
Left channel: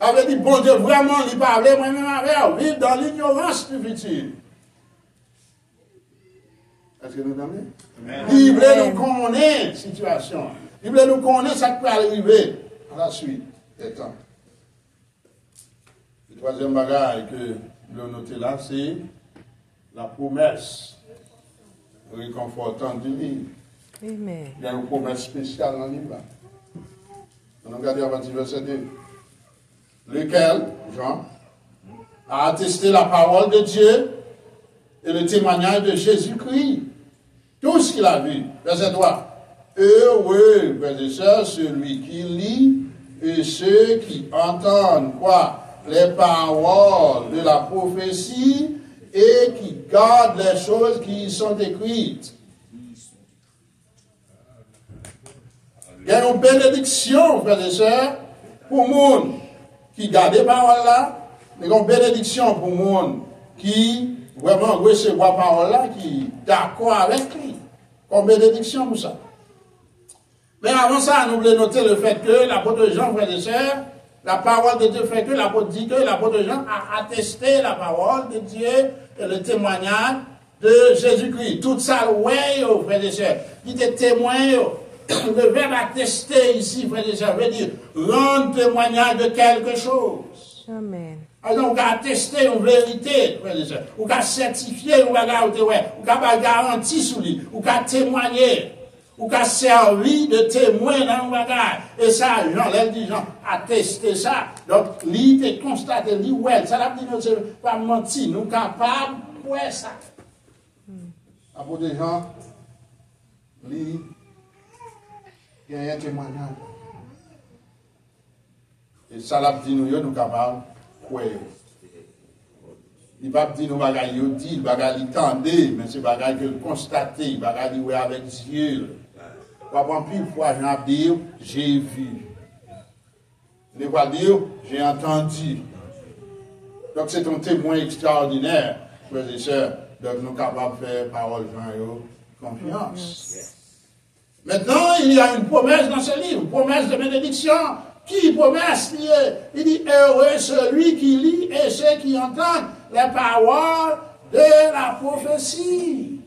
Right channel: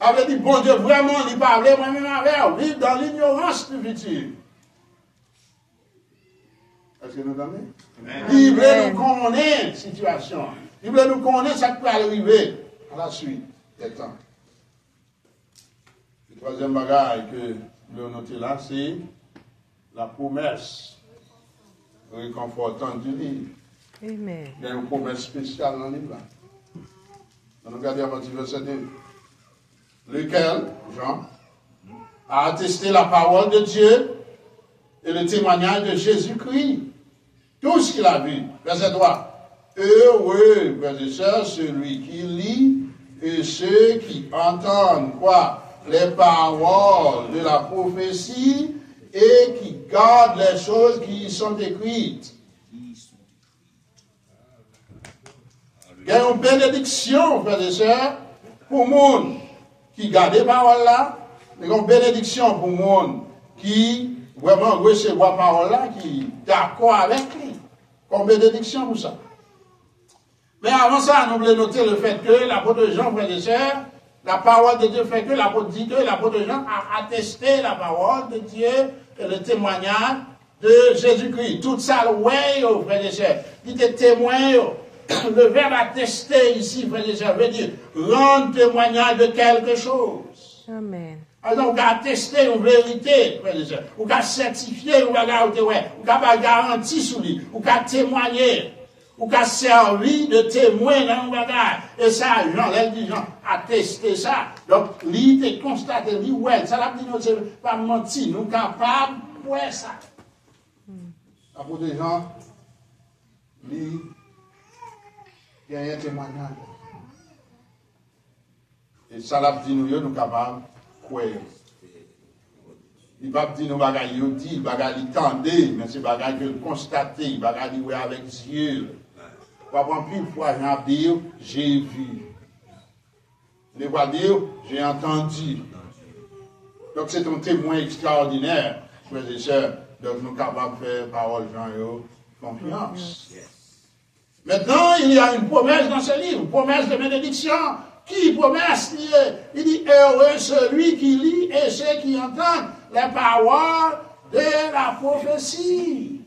Avait dit, bon Dieu, vraiment, il parlait moi-même avec, vivre dans l'ignorance du futur. Est-ce que nous entendez? Il voulait nous connaître la situation. Il voulait nous connaître ce qui peut arriver à la suite des temps. Le troisième bagage que je veux noter là, c'est la promesse réconfortante du livre. Amen. Il y a une promesse spéciale dans le livre. On regarde à partir du verset 2. Lequel, Jean, a attesté la parole de Dieu et le témoignage de Jésus-Christ. Tout ce qu'il a vu. Verset 3. Heureux, frères et sœurs, celui qui lit et ceux qui entendent quoi? Les paroles de la prophétie et qui gardent les choses qui y sont écrites. Il y a une bénédiction, frères et sœurs, pour le monde qui garde les paroles là. Il y a une bénédiction pour le monde qui vraiment recevoir la parole là, qui est d'accord avec lui. Comme bénédiction pour ça. Mais avant ça, nous voulons noter le fait que l'apôtre Jean, frères et sœurs, La parole de Dieu fait que l'apôtre dit que l'apôtre Jean a attesté la parole de Dieu et le témoignage de Jésus-Christ. Tout ça, ouais, frères et sœurs. Il était témoin. Le verbe attester ici, frères et sœurs, veut dire rendre témoignage de quelque chose. Amen. Alors, on peut attester une vérité, frères et sœurs. On peut certifier une bagarre, on peut garantir sur lui, on peut témoigner. Ou qu'a servi de témoin dans le bagage. Et ça, Jean, elle dit, Jean, attester ça. Donc, lui, t'es constaté, lui, ouais, ça l'a dit, nous, c'est pas menti, nous capables, ouais, ça. À bout des gens, lui, il y a un témoignage. Et ça l'a dit, nous capables, ouais. Il va pas dire nous bagages, il dit, bagages, il tendait, mais c'est bagages que constater, bagages, il avec Dieu. Pour plus fois, j'en dire, j'ai vu. Ne pas dire, j'ai entendu. Donc, c'est un témoin extraordinaire, frères et sœurs. Donc, nous sommes capables de faire parole, Jean, confiance. Maintenant, il y a une promesse dans ce livre, une promesse de bénédiction. Qui promesse? Il dit, heureux celui qui lit et ceux qui entendent les paroles de la prophétie.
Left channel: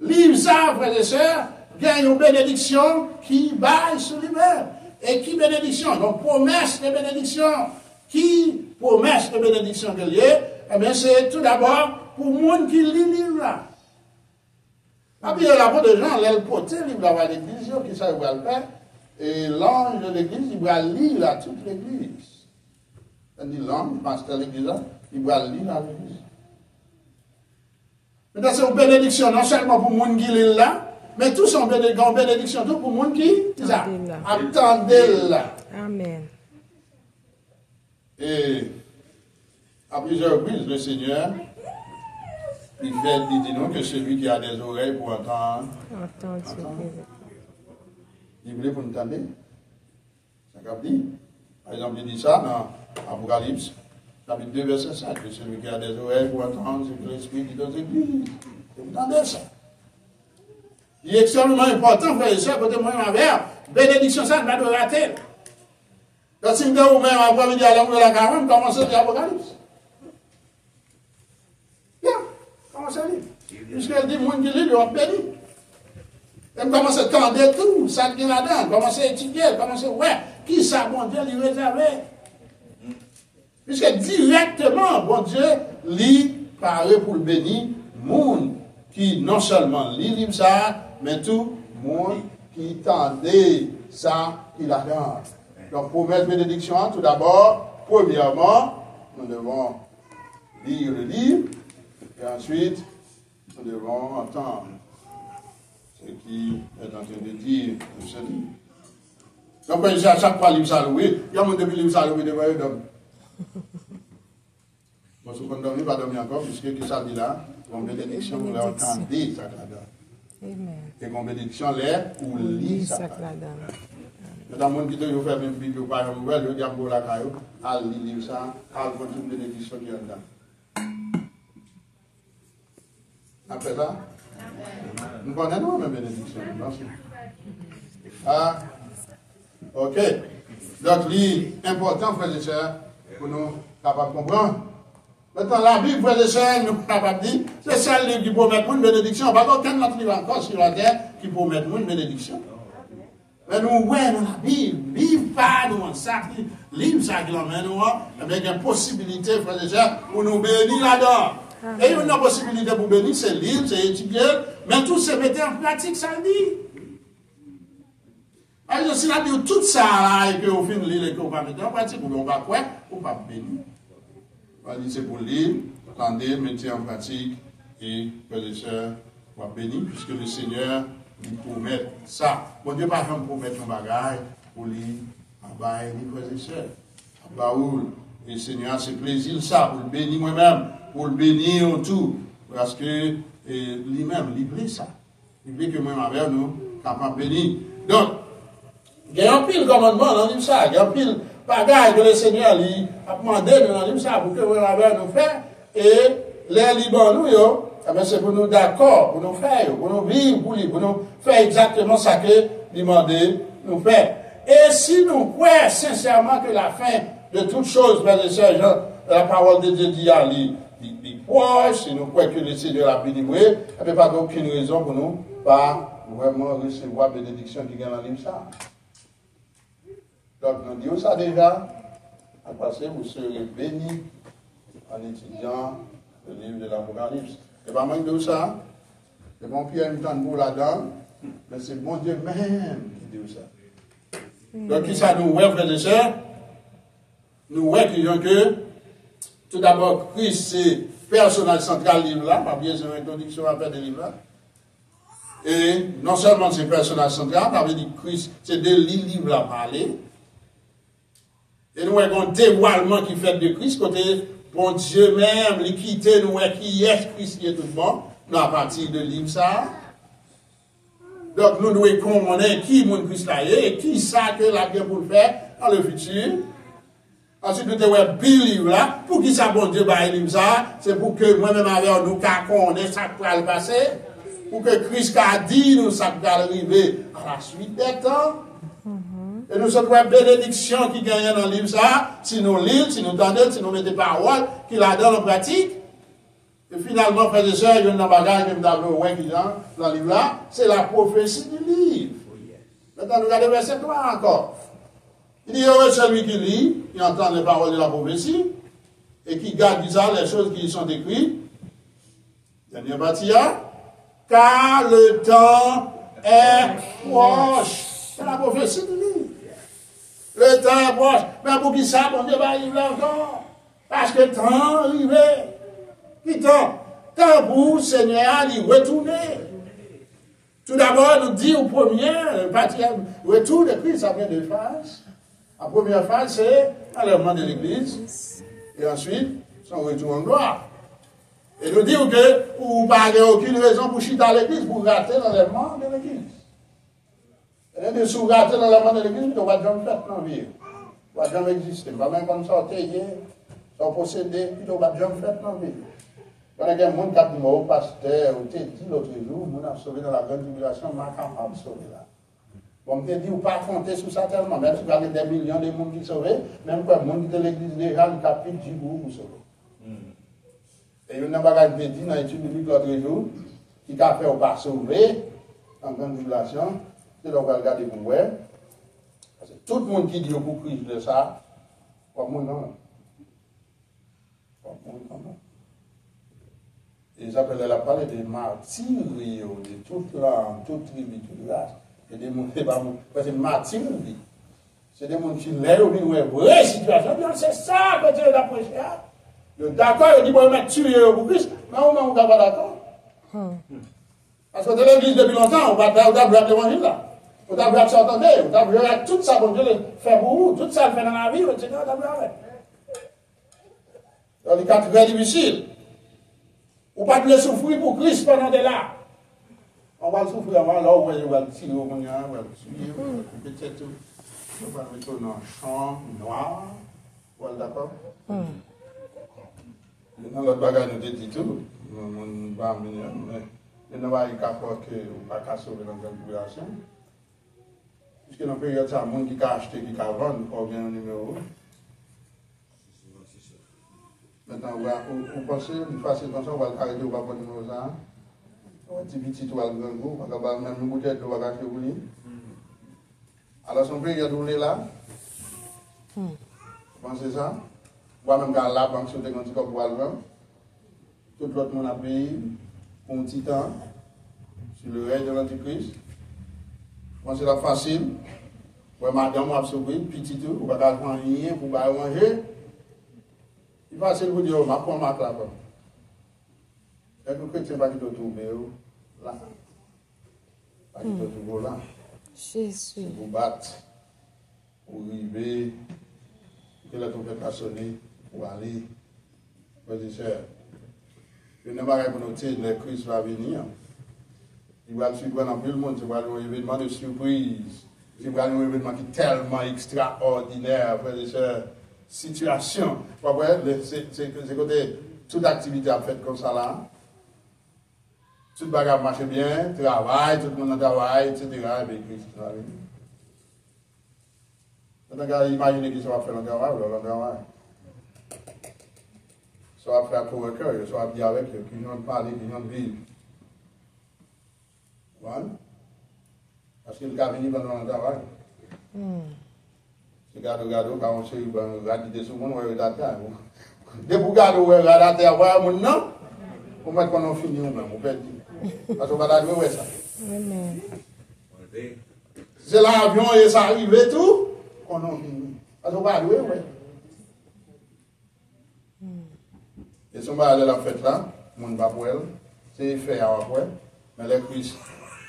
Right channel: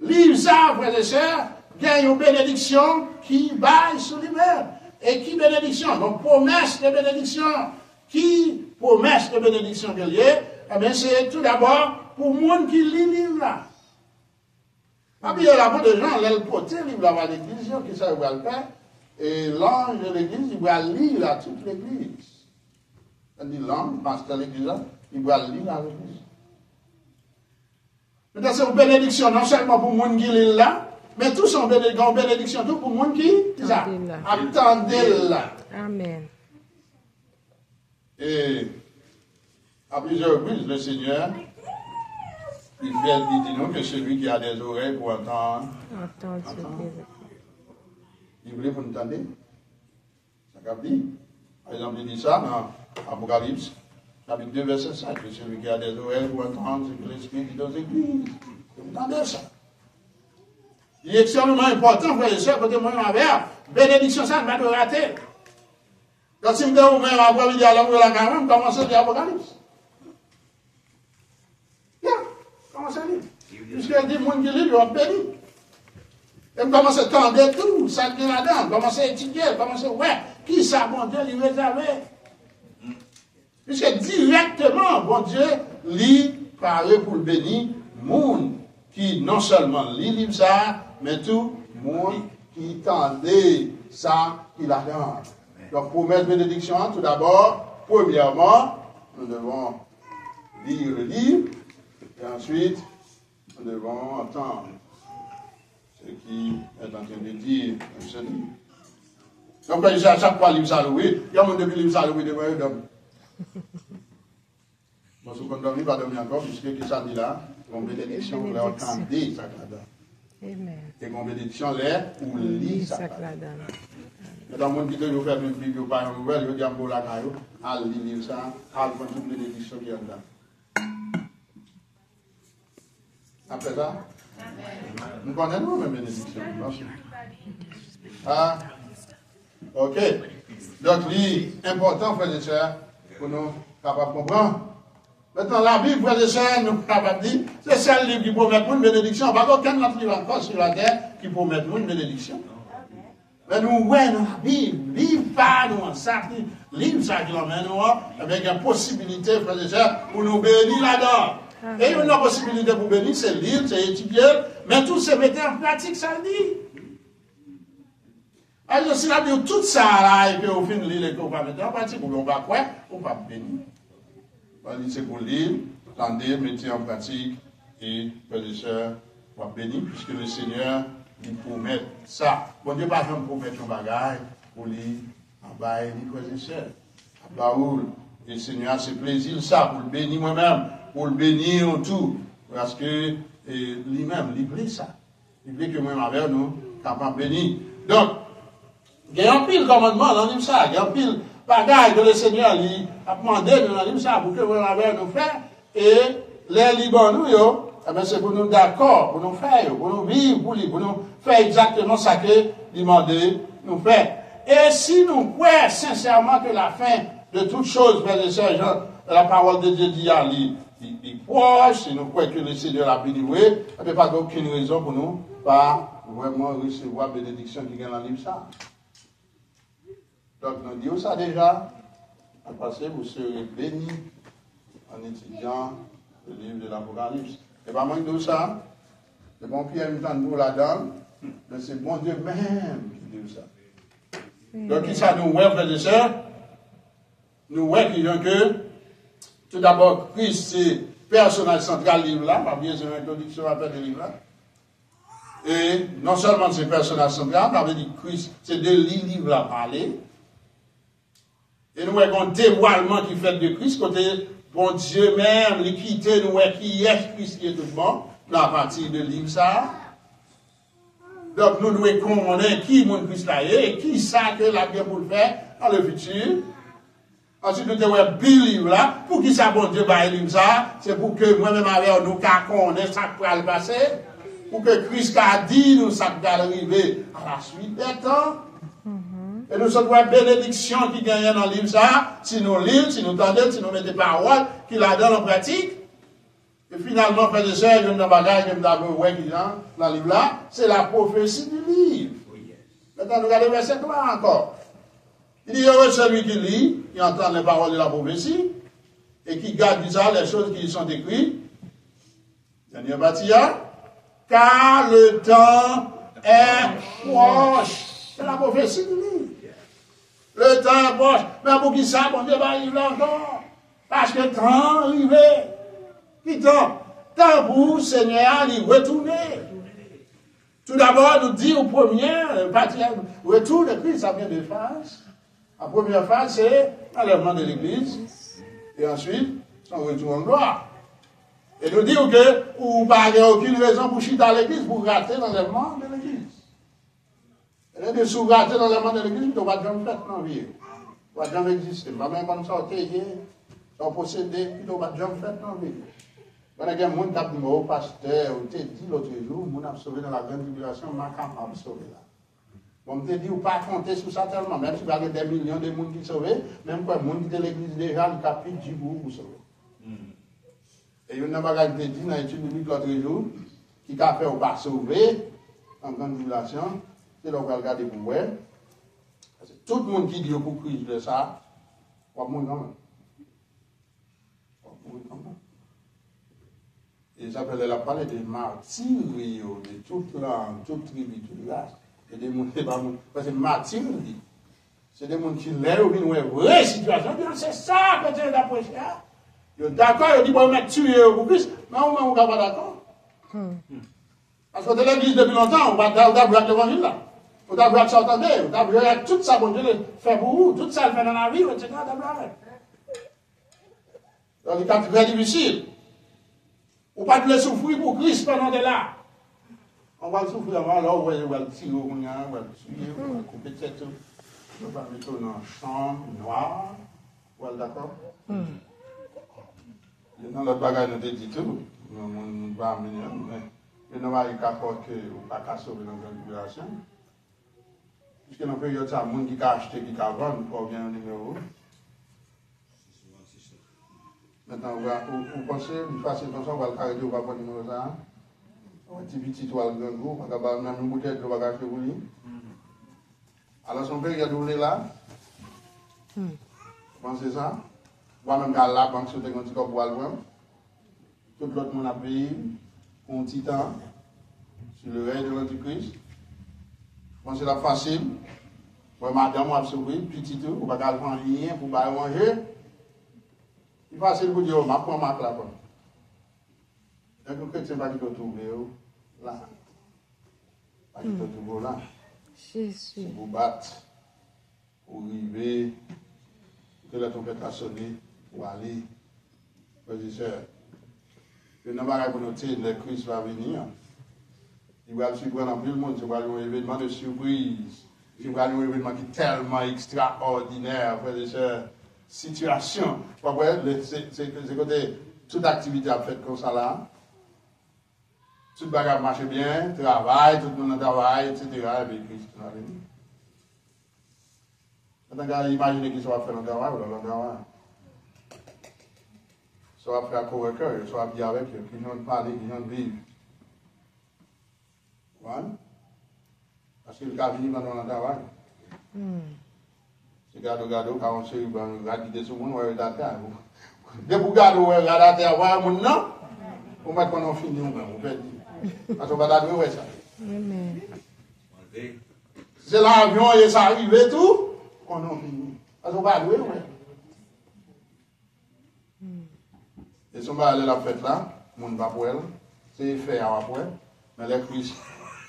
Livre ça, frères et sœurs. Gagne une bénédiction qui baille sur lui-même. Et qui bénédiction? Donc, promesse de bénédiction. Qui promesse de bénédiction qu'il y a? Eh bien, c'est tout d'abord pour le monde qui lit le livre là. Puis, il y a la de gens, l'elle porte le livre là à l'église, qui ça va le faire. Et l'ange de l'église, il va lire là toute l'église. Il dit l'ange, le pasteur de l'église là, il va lire là l'église. Maintenant, c'est une bénédiction, non seulement pour le monde qui lit là, mais tous sont bénédiction, tout pour le monde qui attendez là. Amen. Et à plusieurs reprises, le Seigneur, il dit nous que celui qui a des oreilles pour entendre. Il voulait pour nous entendre. Ça veut dire, par exemple, il dit ça dans Apocalypse, chapitre 2, verset 5, que celui qui a des oreilles pour entendre ce que l'Esprit dit aux églises. Vous entendez ça? Il est extrêmement important, frères et sœurs, côté moi, ma mère, bénédiction, ça ne va pas rater. Quand si vous dites, vous même après-midi, à l'envers de la carême, commencez à lire l'Apocalypse. Bien, commencez à lire. Puisqu'elle dit, moun qui lit, il va béni. Et commencez à tendre tout, ça qui est là-dedans, commencez à étudier, commencez à voir, qui ça, bon Dieu, lui réservé. Puisque directement, bon Dieu, lit, parle pour le béni, moun qui non seulement lit ça, mais tout le monde qui tendait ça, il attend. Donc, pour mettre bénédiction, tout d'abord, premièrement, nous devons lire le livre, et ensuite, nous devons entendre ce qui est en train de dire dans ce livre. Donc, à chaque fois, l'hymne saloué, il y a un monde depuis l'hymne saloué, de quoi il donne. Bon, si vous ne dormez pas dormir encore, puisque ça dit là, une bénédiction, vous l'entendez, ça là-dedans. Amen. Et qu'on bénédiction l'air ou lit ça. Mais dans le monde qui te fait une Bible, ou pas une nouvelle, je veux dire, pour la caillou, à lire ça, à prendre toute bénédiction qui est là. Après ça, nous connaissons même bénédiction, bien sûr. Ah, ok. Donc, l'important, frères et sœurs, pour nous capables de comprendre. Maintenant, la Bible, frères et sœurs, nous sommes capables de dire, c'est celle livre qui promet une bénédiction. Pas aucun autre livre encore sur la terre qui promet une bénédiction. Mais nous, ouais, dans la Bible, livre pas, nous, en sac, livre ça qui l'emmène, avec une possibilité, frères et sœurs, pour nous bénir là-dedans. Et une possibilité pour bénir, c'est lire, c'est étudier, mais tout se mettre en pratique, ça le dit. Alors, si on a dit tout ça là, et qu'on finit de lire et qu'on va mettre en pratique, on va quoi? On va bénir. On va dire c'est pour lire, attendez, mettez en pratique, et frères et sœurs, on va bénir, puisque le Seigneur lui promet ça. Bon Dieu, par exemple, promettre un bagage pour lui, en bas, les frères et sœurs. Baoul, et le Seigneur, c'est plaisir ça, pour le bénir moi-même, pour le bénir en tout, parce que lui-même, il veut ça. Il veut que moi-même, nous, capables de bénir. Donc, il y a un pile commandement dans l'hymne ça, il y a un pile bagage que le Seigneur lui a demandé dans l'hymne ça pour que moi-même nous fassions, et les Liban nous, c'est pour nous d'accord, pour nous faire, pour nous vivre, pour nous faire exactement ça que demandé nous faire. Et si nous croyons sincèrement que la fin de toutes choses, frères et sœurs, la parole de Dieu dit à lui, proche, si nous croyons que le Seigneur a béni, il n'y a pas aucune raison pour nous pas vraiment recevoir la bénédiction qui vient dans le livre ça. Donc, nous disons ça déjà, à passer, vous serez bénis en étudiant le livre de l'Apocalypse. Et pas même de ça, c'est bon Pierre me tente pour là-dedans, mais c'est bon Dieu même qui dit ça. Donc, qui ça nous voit, frères et sœurs? Nous voyons que, tout d'abord, Christ, c'est personnage central du livre là, pas bien sûr l'introduction après le livre là. Et non seulement c'est personnage central, mais dit Christ, c'est de livre là parler. Et nous avons un dévoilement qui fait de Christ, côté bon Dieu même, l'équité, nous voyons qui est Christ qui est tout le monde, à partir de livre ça. Donc nous devons connaître qui est Christ là et qui ça que la bien pour le faire dans le futur. Ensuite, nous devons livre là, pour qui ça, bon Dieu, va livre ça, c'est pour que moi-même avec nous, qu'on ait ça qui va le passer, pour que Christ a dit nous, ça va arriver à la suite des temps. Et nous sommes une bénédiction qui gagne dans le livre ça, si nous lisons, si nous entendons, si nous mettons des paroles, qu'il la donne en pratique. Et finalement, frères et sœurs, il y a un bagage que nous avons dans le livre là, c'est la prophétie du livre. Maintenant, nous regardons verset 3 encore. Il dit, heureux celui qui lit, qui entend les paroles de la prophétie, et qui garde ça, les choses qui y sont écrites. Dernier partie, car le temps est proche. C'est la prophétie du livre. Le temps est proche. Mais pour qui ça, bon Dieu va arriver encore? Parce que le temps est arrivé. Qui temps? Temps pour Seigneur d'y retourner. Tout d'abord, nous dit au premier, partie, retour de Christ, ça vient de phase. La première phase, c'est l'enlèvement de l'Église. Et ensuite, son retour en gloire. Et nous disons que vous n'avez aucune raison pour chuter à l'Église, pour rater l'enlèvement de l'Église. Et nous, si vous ratez l'enlèvement de l'Église, vous ne pouvez jamais faire dans la vie. Vous ne pouvez jamais exister. Vous ne pouvez même pas sortir, sans posséder, vous ne pouvez jamais faire dans la vie. Quand il y a des gens qui ont dit au pasteur, ou te dit l'autre jour, nous avons sauvé dans la grande tribulation, on est capable de sauver là. Bon, je te dis, vous ne pouvez pas compter sur ça tellement, même si vous avez des millions de gens qui sont sauvés, même quand les gens qui sont de l'église déjà, ils capitent du goût pour sauver. Et il y a un bagage qui dit dans l'étude biblique l'autre jour, qui a fait au pas sauver, en grande tribulation, c'est là qu'on va regarder pour voir. Tout le monde qui dit au coup de ça, pas le monde non. Pas le monde non. Et j'appelle la parler des martyrs, de toute langue, toute tribu, toute race. Et des gens, parce que martyrs, c'est des gens qui lèvent une vraie situation. C'est ça que Dieu a prêché. Ils sont d'accord, ils disent, bon, on va tuer pour Christ, mais on ne va pas d'accord. Parce que dans l'église depuis longtemps, on va avoir l'évangile là. On va avoir s'entendre, on va avoir tout ça, bon Dieu, fait pour vous, tout ça, le fait dans la vie, etc. On va avoir. Dans les cas très difficiles. On ne va pas souffrir pour Christ pendant que là. On va souffrir avant, là, on va le tirer au moyen, on va le tuer, peut-être, on va le mettre dans une chambre noire. Voilà, d'accord? Dans l'autre bagage, nous dit tout, on va amener, mais nous avons eu qu'à faire que on va pas sauver dans la population. Puisque dans le période, il y a des gens qui ont acheté, qui ont vendu, pour bien un numéro. Maintenant, vous pensez, vous passez comme ça, on va le carrer, on va prendre le numéro là. Un petit toile de goût, on va même une bouteille de bagage pour lui. Alors, son période où on est là, vous pensez ça? Moi, même dans la banque, sur des petits corps pour aller voir. Tout l'autre monde a payé pour un petit temps sur le règne de l'Antichrist. Moi, c'est la facile. Moi, madame m'a sauvé, petit tout, pour ne pas faire rien, pour ne pas manger. Il est facile pour dire, ma prends ma claque. Et que le chrétien va te trouver là. Va te trouver là. Jésus. Vous battre, pour arriver, que la trompette a sonné, pour aller. Frères et sœurs, le nom va reconnaître, le Christ va venir. Il va surprendre en plus le monde, il va avoir un événement de surprise. Il va avoir un événement qui est tellement extraordinaire, frères et sœurs. Situation. C'est côté toute activité a fait comme ça là. Tout le bagage marche bien, travail, tout le monde travaille, etc. Avec Christ va venir. On a imaginé qui soit fait le travail ou le travail. Soit fait à co-worker, soit bien avec eux, qui n'ont parlé, qui n'ont vivre. Voilà. Parce qu'il a venu pendant le travail. C'est gado, quand on sait, on regarde des sous-monde, on regarde la terre. Dès que vous regardez, on regarde la terre, voilà, mon nom, on va qu'on a fini, on peut dire. Parce qu'on va d'aller ça. Amen. C'est l'avion et ça arrive et tout, qu'on a fini. Parce qu'on va aller, ouais. Et si on va aller à la fête là, mon va pour elle, c'est fait à après, mais les Christ,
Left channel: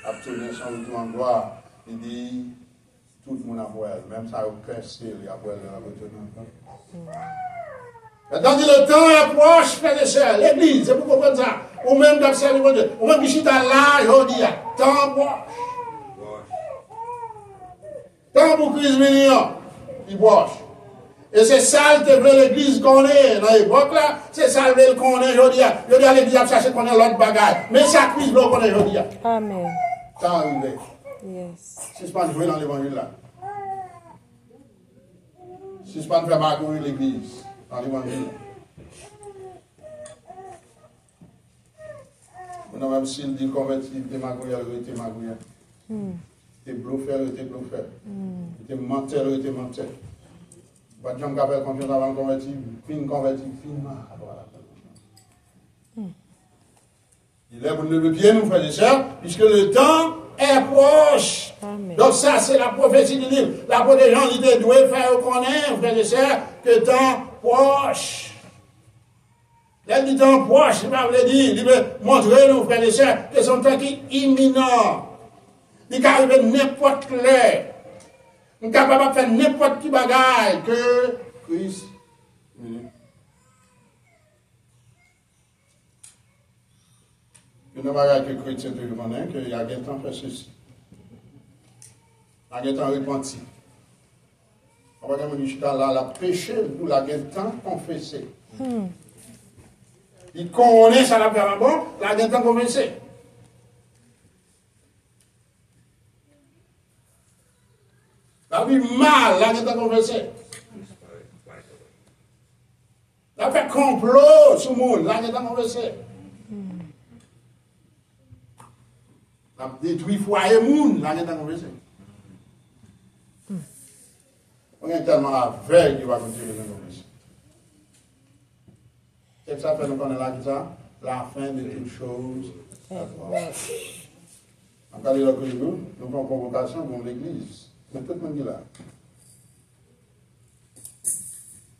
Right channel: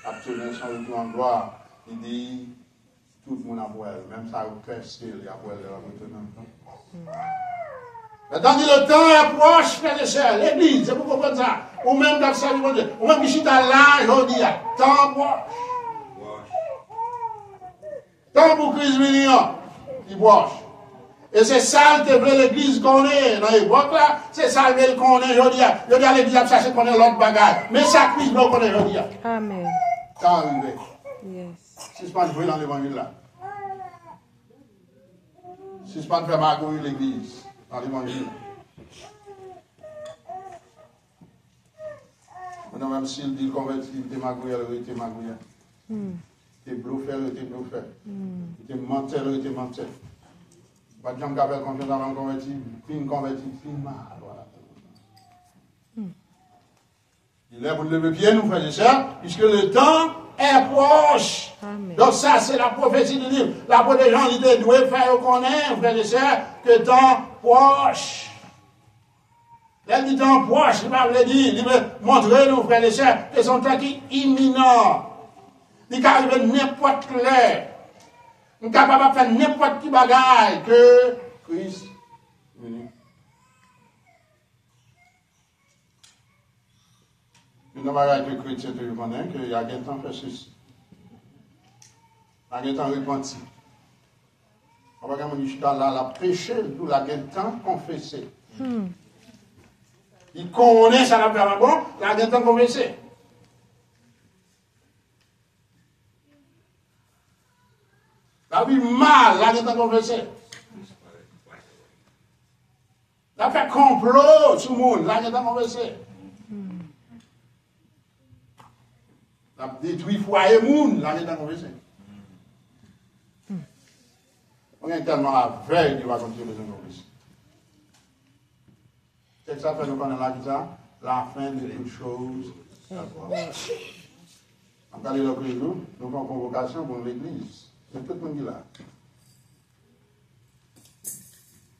absolument, son endroit, il dit, tout le monde a pour elle, même ça, au percé, il y a pour elle, maintenant, le temps est proche, frère et sœurs, l'église, c'est pour comprendre ça. Ou même dans le service de Dieu, ou même qui chita là, je dis, temps proche. Temps pour Christ venir, il proche. Et c'est ça que veut l'église qu'on est dans l'époque là, c'est ça que qu'on est, je dis, l'église a cherché qu'on est l'autre bagage. Mais ça, Christ veut qu'on est, je dis. Amen. Temps arrivé. Yes. Si ce n'est pas de jouer dans l'évangile là. Si ce n'est pas de faire marquer l'église dans l'évangile là. Maintenant, même s'il dit converti, il était magouilleur, il était magouilleur. Il était bluffeur, il était bluffeur. Il était menteur, il était menteur. Pas de gens qui avaient confiance avant converti, fin mal. Il est pour lever pied, nous, frères et sœurs, puisque le temps est proche. Amen. Donc, ça, c'est la prophétie du livre. La prophétie des gens, ils doivent faire reconnaître, frères et sœurs, que le temps proche. Là, le temps proche, il va vous dire, il veut montrer, nous, frères et sœurs, que son temps qui est imminent. Il peut arriver n'importe l'heure. Nous sommes capables de faire n'importe qui bagaille que Christ. Nous n'avons pas que chrétien de reconnaître qu'il y a un temps fait ceci. Il y a un temps repenti. On va quand même jusqu'à là, la péché, nous l'avons un temps confessé. Il connaît ça, la faire bon, il a un temps confessé. La vie mal, la vie confessé. La fait complot sur le monde, la vie confessé. La détruit foyer monde, la vie confessé. On est tellement aveugle qui va continuer de nous confesser. C'est que ça fait nous connaître la fin de toutes choses. En cas de nous avons une convocation pour l'église. C'est tout le monde qui est là.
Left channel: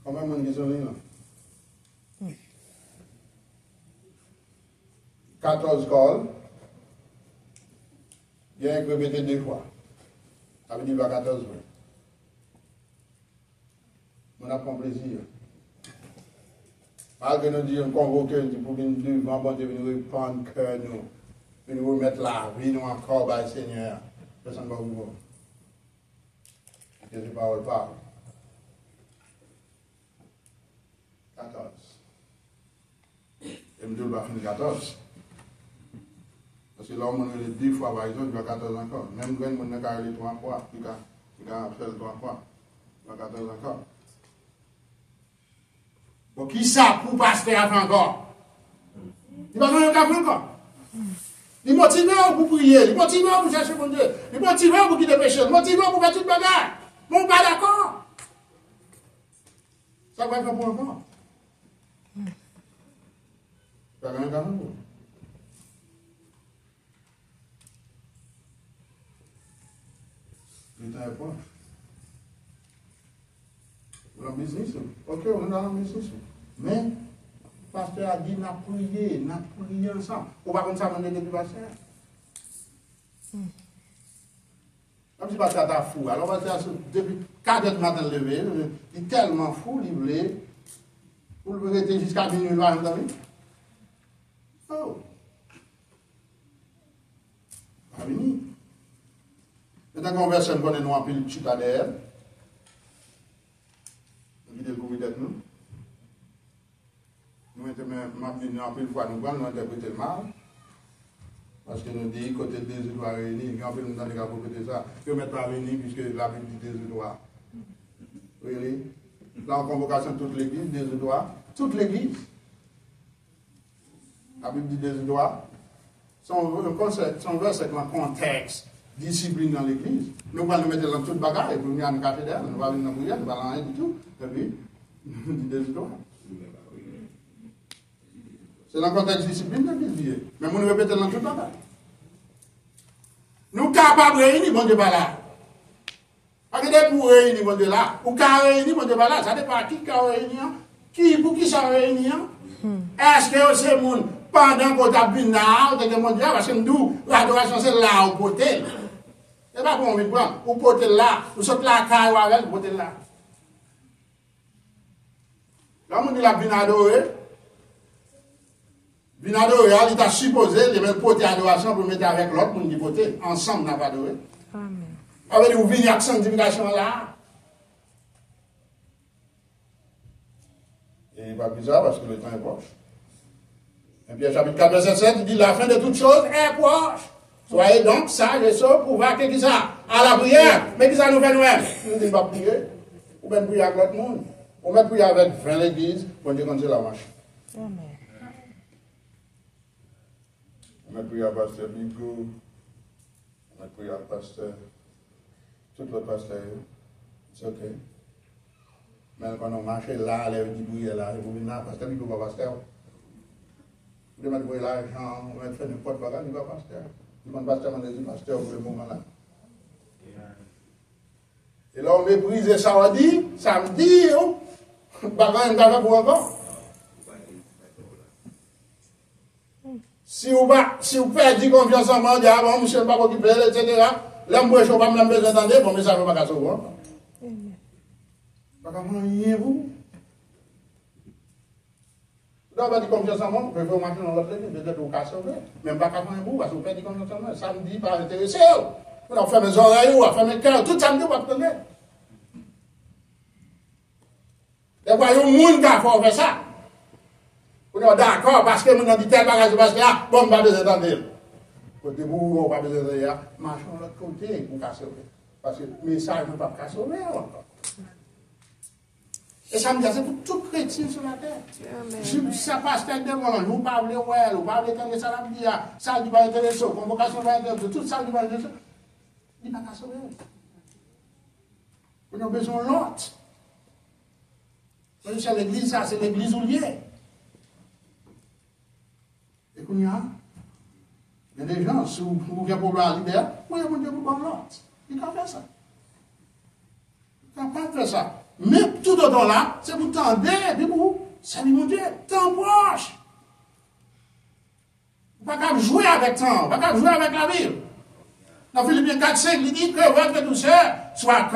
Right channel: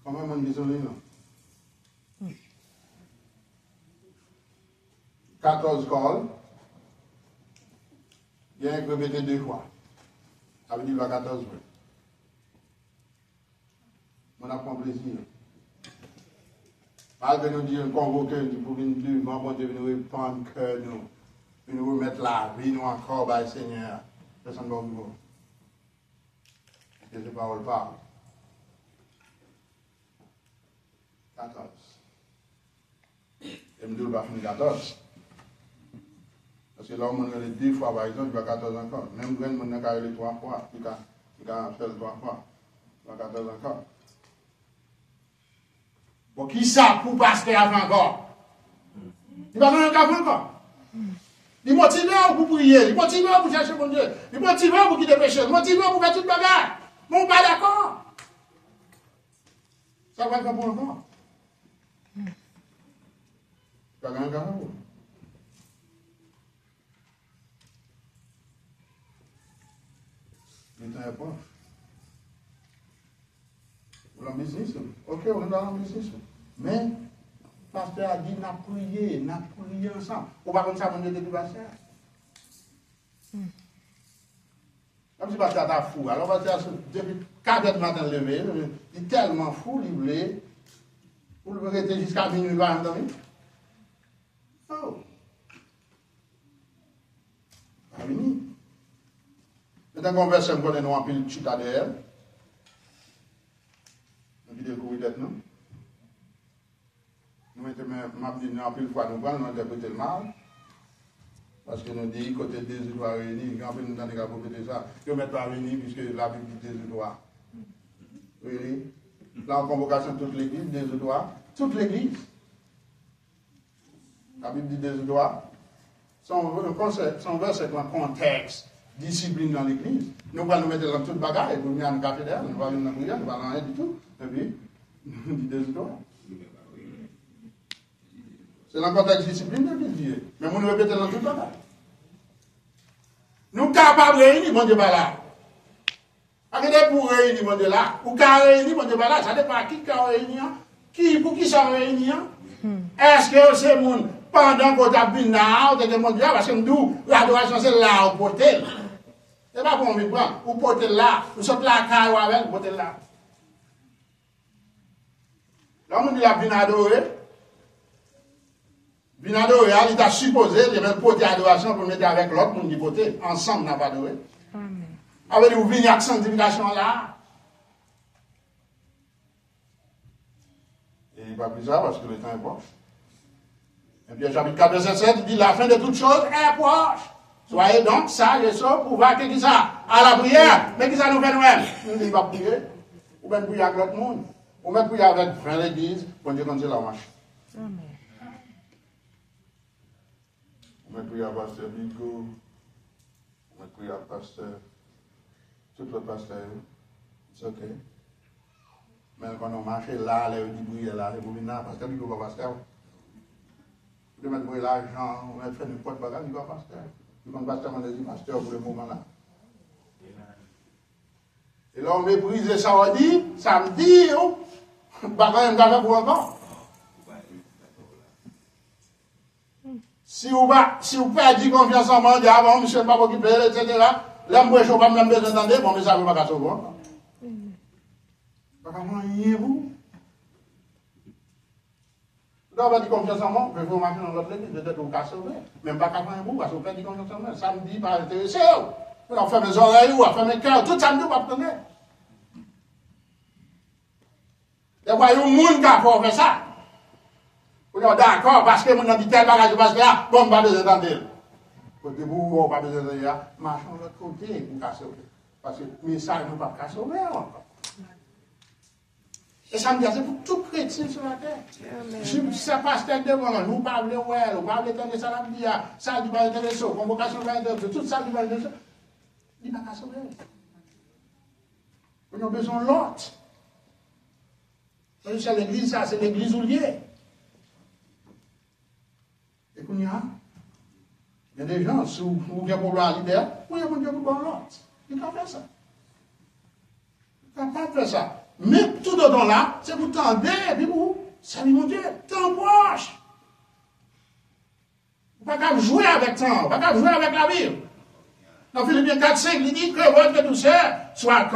Combien de monde qui sont là? 14 calls. Il y a un qui répété 2 fois. Ça veut dire qu'il y a 14 fois. On a pris plaisir. Malgré nous dire convoquer pour venir devant, bon Dieu, nous répandre cœur, nous remettre la vie, nous encore, par le Seigneur. Personne ne va vous. Que ces paroles parlent. 14. Et je ne vais pas finir 14. Parce que l'homme a les 2 fois, par exemple, il va 14 encore. Même quand on a les 3 fois, il va faire 3 fois. Il va 14 encore. Bon, qui ça pour pasteur avant encore? Il va faire un café encore. Il motive pour prier, il motive pour chercher mon Dieu, il motive pour quitter le péché, il motive pour faire toute bagarre. Mon pas d'accord. Ça va être pour encore. Ça va être encore. Il est proche. On est en business. Ok, on est dans le business. Mais, le pasteur a dit, n'a prié ensemble. On va comme ça, on est du pasteur. Comme si le pasteur est fou. Alors, le pasteur, depuis 4 heures du matin levé, il est tellement fou, il voulait, pour le rester jusqu'à minuit, il va entendre. Oh! Pas fini. Maintenant qu'on verse, on connaît nous en pile chute à derrière. Nous découvrir d'être nous. Nous mettons en pile fois, nous interpréter le mal. Parce que nous disons, côté des étoiles réunis, quand on nous donne des cas pour ça, que ne mettent pas venir puisque la Bible dit des étoiles. Là, en convocation de toute l'église, des doigts, toute l'église. La Bible dit des doigts. Son verset dans le contexte, discipline dans l'église. Nous allons nous mettre dans toute bagarre, et puis nous allons nous cathédrale, nous allons nous prier, nous allons rien du tout. Et puis, nous dit des doigts. C'est dans le contexte discipline de l'église. Mais nous répétons dans toute bagarre. Nous sommes capables de réunir, mon Dieu, par là. Parce que pour réunir, mon Dieu, là, ou qu'à réunir, mon Dieu, par là, ça dépend à qui a réuni, pour qui ça réuni. Est-ce que c'est le monde, pendant qu'on a vu là, mon Dieu, parce que nous, l'adoration, c'est là, au potel. C'est pas pour on prendre, au potel là, ou saute là, caille avec, au potel là. Là, on dit la bien adorée. Bien adoré, il a supposé de mettre poter adoration pour mettre avec l'autre pour nous poter. Ensemble, on n'a pas adoré. Amen. Avec vous venez avec sanctification là. Et il va plus ça parce que le temps est proche. Et puis, chapitre 4, verset 7, il dit la fin de toutes choses est proche. Soyez donc sages et saufs pour voir qui ça à la prière. Mais qui ça nous fait nous-mêmes? Nous disons pas prier. Ou bien prier avec l'autre monde. Ou bien prier avec l'église pour dire comme c'est la marche. Amen. On met prier à pasteur Bigo, on met prier à pasteur, tout le pasteur, c'est ok. Mais quand on marche là, les gens qui là, ils vont venir, pasteur Bigo va pasteur. Vous devez mettre l'argent, on va faire n'importe quoi, il va pasteur. Quand pasteur, on dit pasteur pour le moment là. Et là, on méprise samedi, bagarre, on va pour encore. Si vous perdez confiance en moi, avant, monsieur ne va pas occuper, etc., là, moi, je ne vais pas me besoin d'entendre, bon, mais ça ne va pas sauver. Pas comment y vous? Là, on va dire confiance en moi, je vais vous marquer dans l'autre église, peut-être vous pouvez sauver. Même pas comment vous, parce que vous perdez confiance en moi. Samedi, pas intéressé. On fait mes oreilles, on fait mes cœurs, tout samedi, on va prendre. Et vous voyez, il y a un monde qui a fait ça. Non, d'accord, parce que mon dit tel bagage, parce que là, bon, on va besoin d'entendre. Côté vous, on va besoin d'entendre. Marchons de l'autre côté pour casser. Parce que le message ne va pas casser encore. Et ça me dit, c'est pour tout chrétien sur la terre. Je ne sais pas, c'est devant nous, vous parlez, vous parlez, ça la vie, ça qui va intéresser, convocation va intéresser, tout ça qui va intéresser. Il va casser. Nous avons besoin de l'autre. C'est l'église, ça, c'est l'église où il est. Et qu'il y a des gens, si vous avez un problème à libérer, oui, il y a un problème à l'autre. Il peut faire ça. Il ne peut pas faire ça. Mais tout le temps là, c'est pour tendre, et puis vous, salut mon Dieu, temps proche. Vous ne pouvez pas jouer avec temps, vous ne pouvez pas jouer avec la Bible. Dans Philippiens 4, 5, il dit que votre douceur soit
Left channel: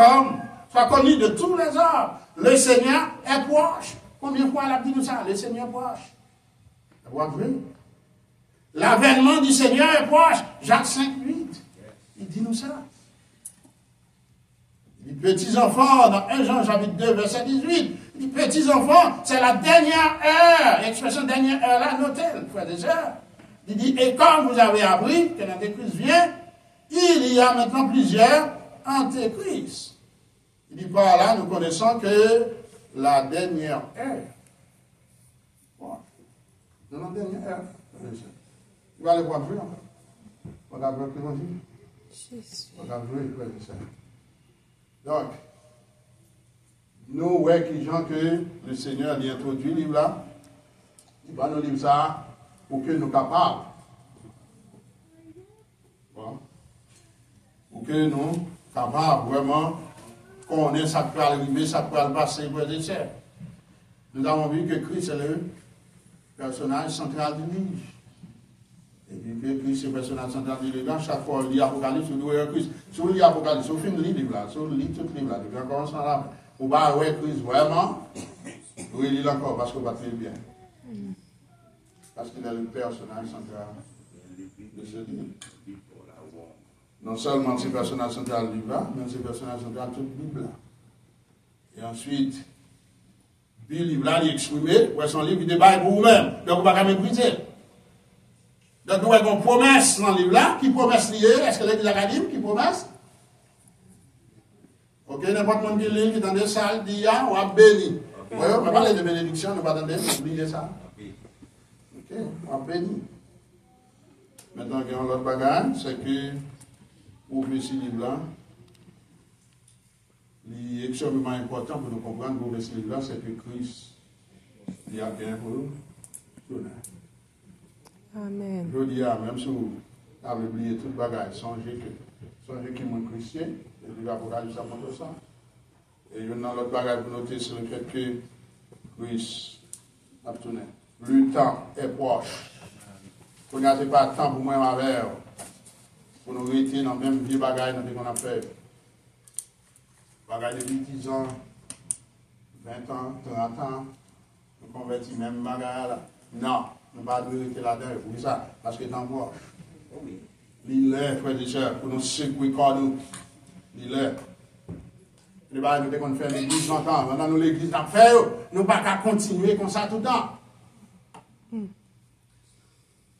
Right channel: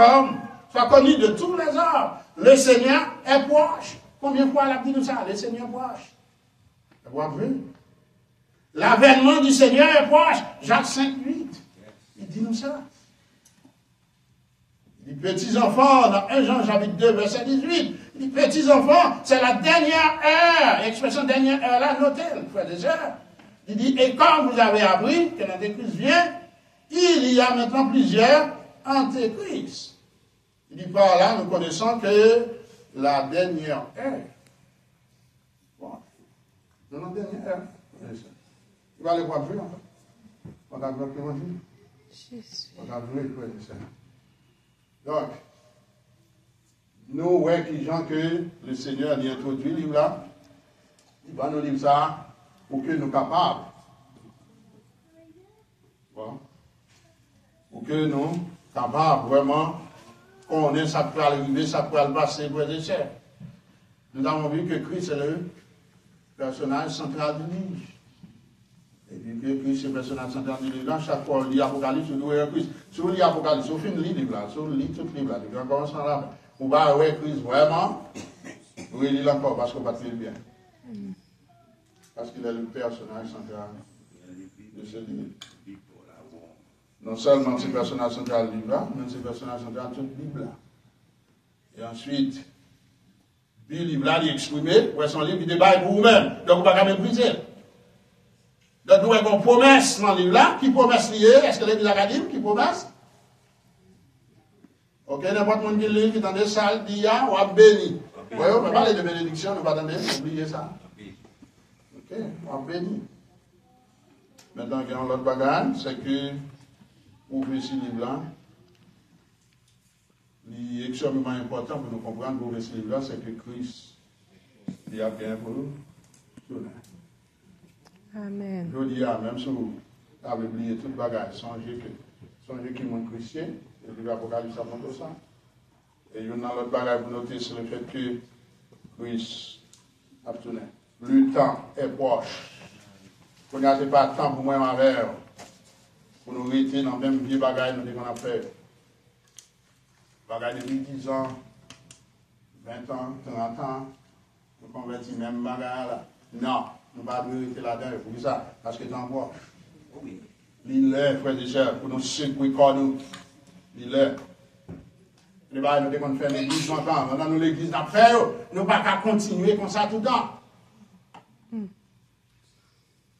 connue de tous les hommes. Le Seigneur est proche. Combien de fois il a dit nous ça? Le Seigneur est proche. Vous voyez? L'avènement du Seigneur est proche. Jacques 5, 8. Il dit nous ça. Il dit petits enfants, dans 1 Jean chapitre 2, verset 18. Il dit petits enfants, c'est la dernière heure. L'expression dernière heure là, notez-le, frères et sœurs. Il dit, et comme vous avez appris que l'Antéchrist vient, il y a maintenant plusieurs Antéchrists. Il dit par là, nous connaissons que la dernière heure. Bon. La dernière heure. Il va aller voir plus. On va bloquer ma vie. On va jouer, frère. Donc, nous, ouais, qui gens que le Seigneur a introduit le livre là, il va nous dire ça pour que nous capables. Bon. Pour que nous capables vraiment connaître ça peut arriver, ça peut passer, frères et sœurs. Nous avons vu que Christ est le personnage central du livre. Et puis que Christ est le personnage central du livre. Chaque fois, on lit Apocalypse, on lit Christ. Si on lit Apocalypse, on finit le livre là, si on lit tout le livre là, depuis on commence là, on va voir Christ vraiment, on lit encore parce qu'on va très bien. Parce qu'il est le personnage central de ce livre. Non seulement c'est le personnage central du livre, mais c'est le personnage central de toute Bible. Et ensuite, puis le livre là, il est exprimé, pour son livre, il débat pour vous-même. Donc, on ne va pas mépriser. Donc, nous avons une promesse dans le livre là. Qui promesse liée? Est-ce que l'Église académique qui promesse? Ok, n'importe qui qui est dans des salles, dit, ah, on a béni. Vous voyez, on va parler de bénédiction, nous ne va pas oublier ça. Ok, on a béni. Maintenant, il y a un autre bagage, c'est que, pour ouvrir ce livre-là, il est extrêmement important pour nous comprendre pour ouvrir ce livre-là, c'est que Christ, il a bien pour nous. Amen. Je dis, même si vous avez oublié tout le bagage, songez qu'il est chrétien, et puis l'Apocalypse ça montre ça. Et il y a un autre bagage pour noter sur le fait que Christ a tourné. Le temps est proche. Vous n'avez pas de temps pour moi en verre. Pour nous rester dans le même vieux bagage que nous avons fait. Bagage depuis 10 ans, 20 ans, 30 ans, nous convertis même bagage. Non, nous ne pouvons pas rester là-dedans. Pour ça, parce que dans proche. Il est, frère et sœurs, pour nous secouer nous. Il est. Les bagages nous avons fait l'église longtemps. Maintenant, nous l'église n'a fait, nous ne pouvons pas continuer comme ça tout le temps.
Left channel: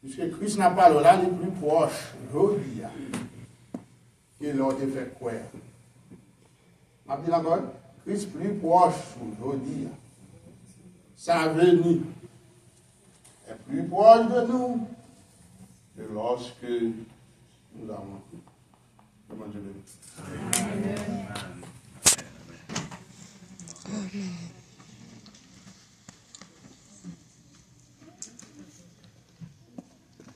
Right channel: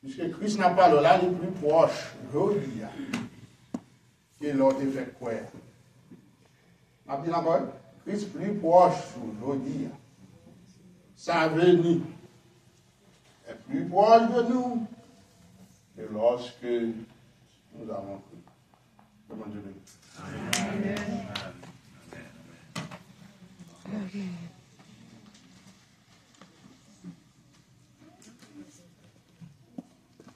Puisque Christ n'a pas là, il est plus proche, aujourd'hui, que l'autre fait quoi. On a dit encore, Christ plus proche aujourd'hui. Sa venue est plus proche de nous que lorsque nous avons cru. Comment Dieu le dit. Amen.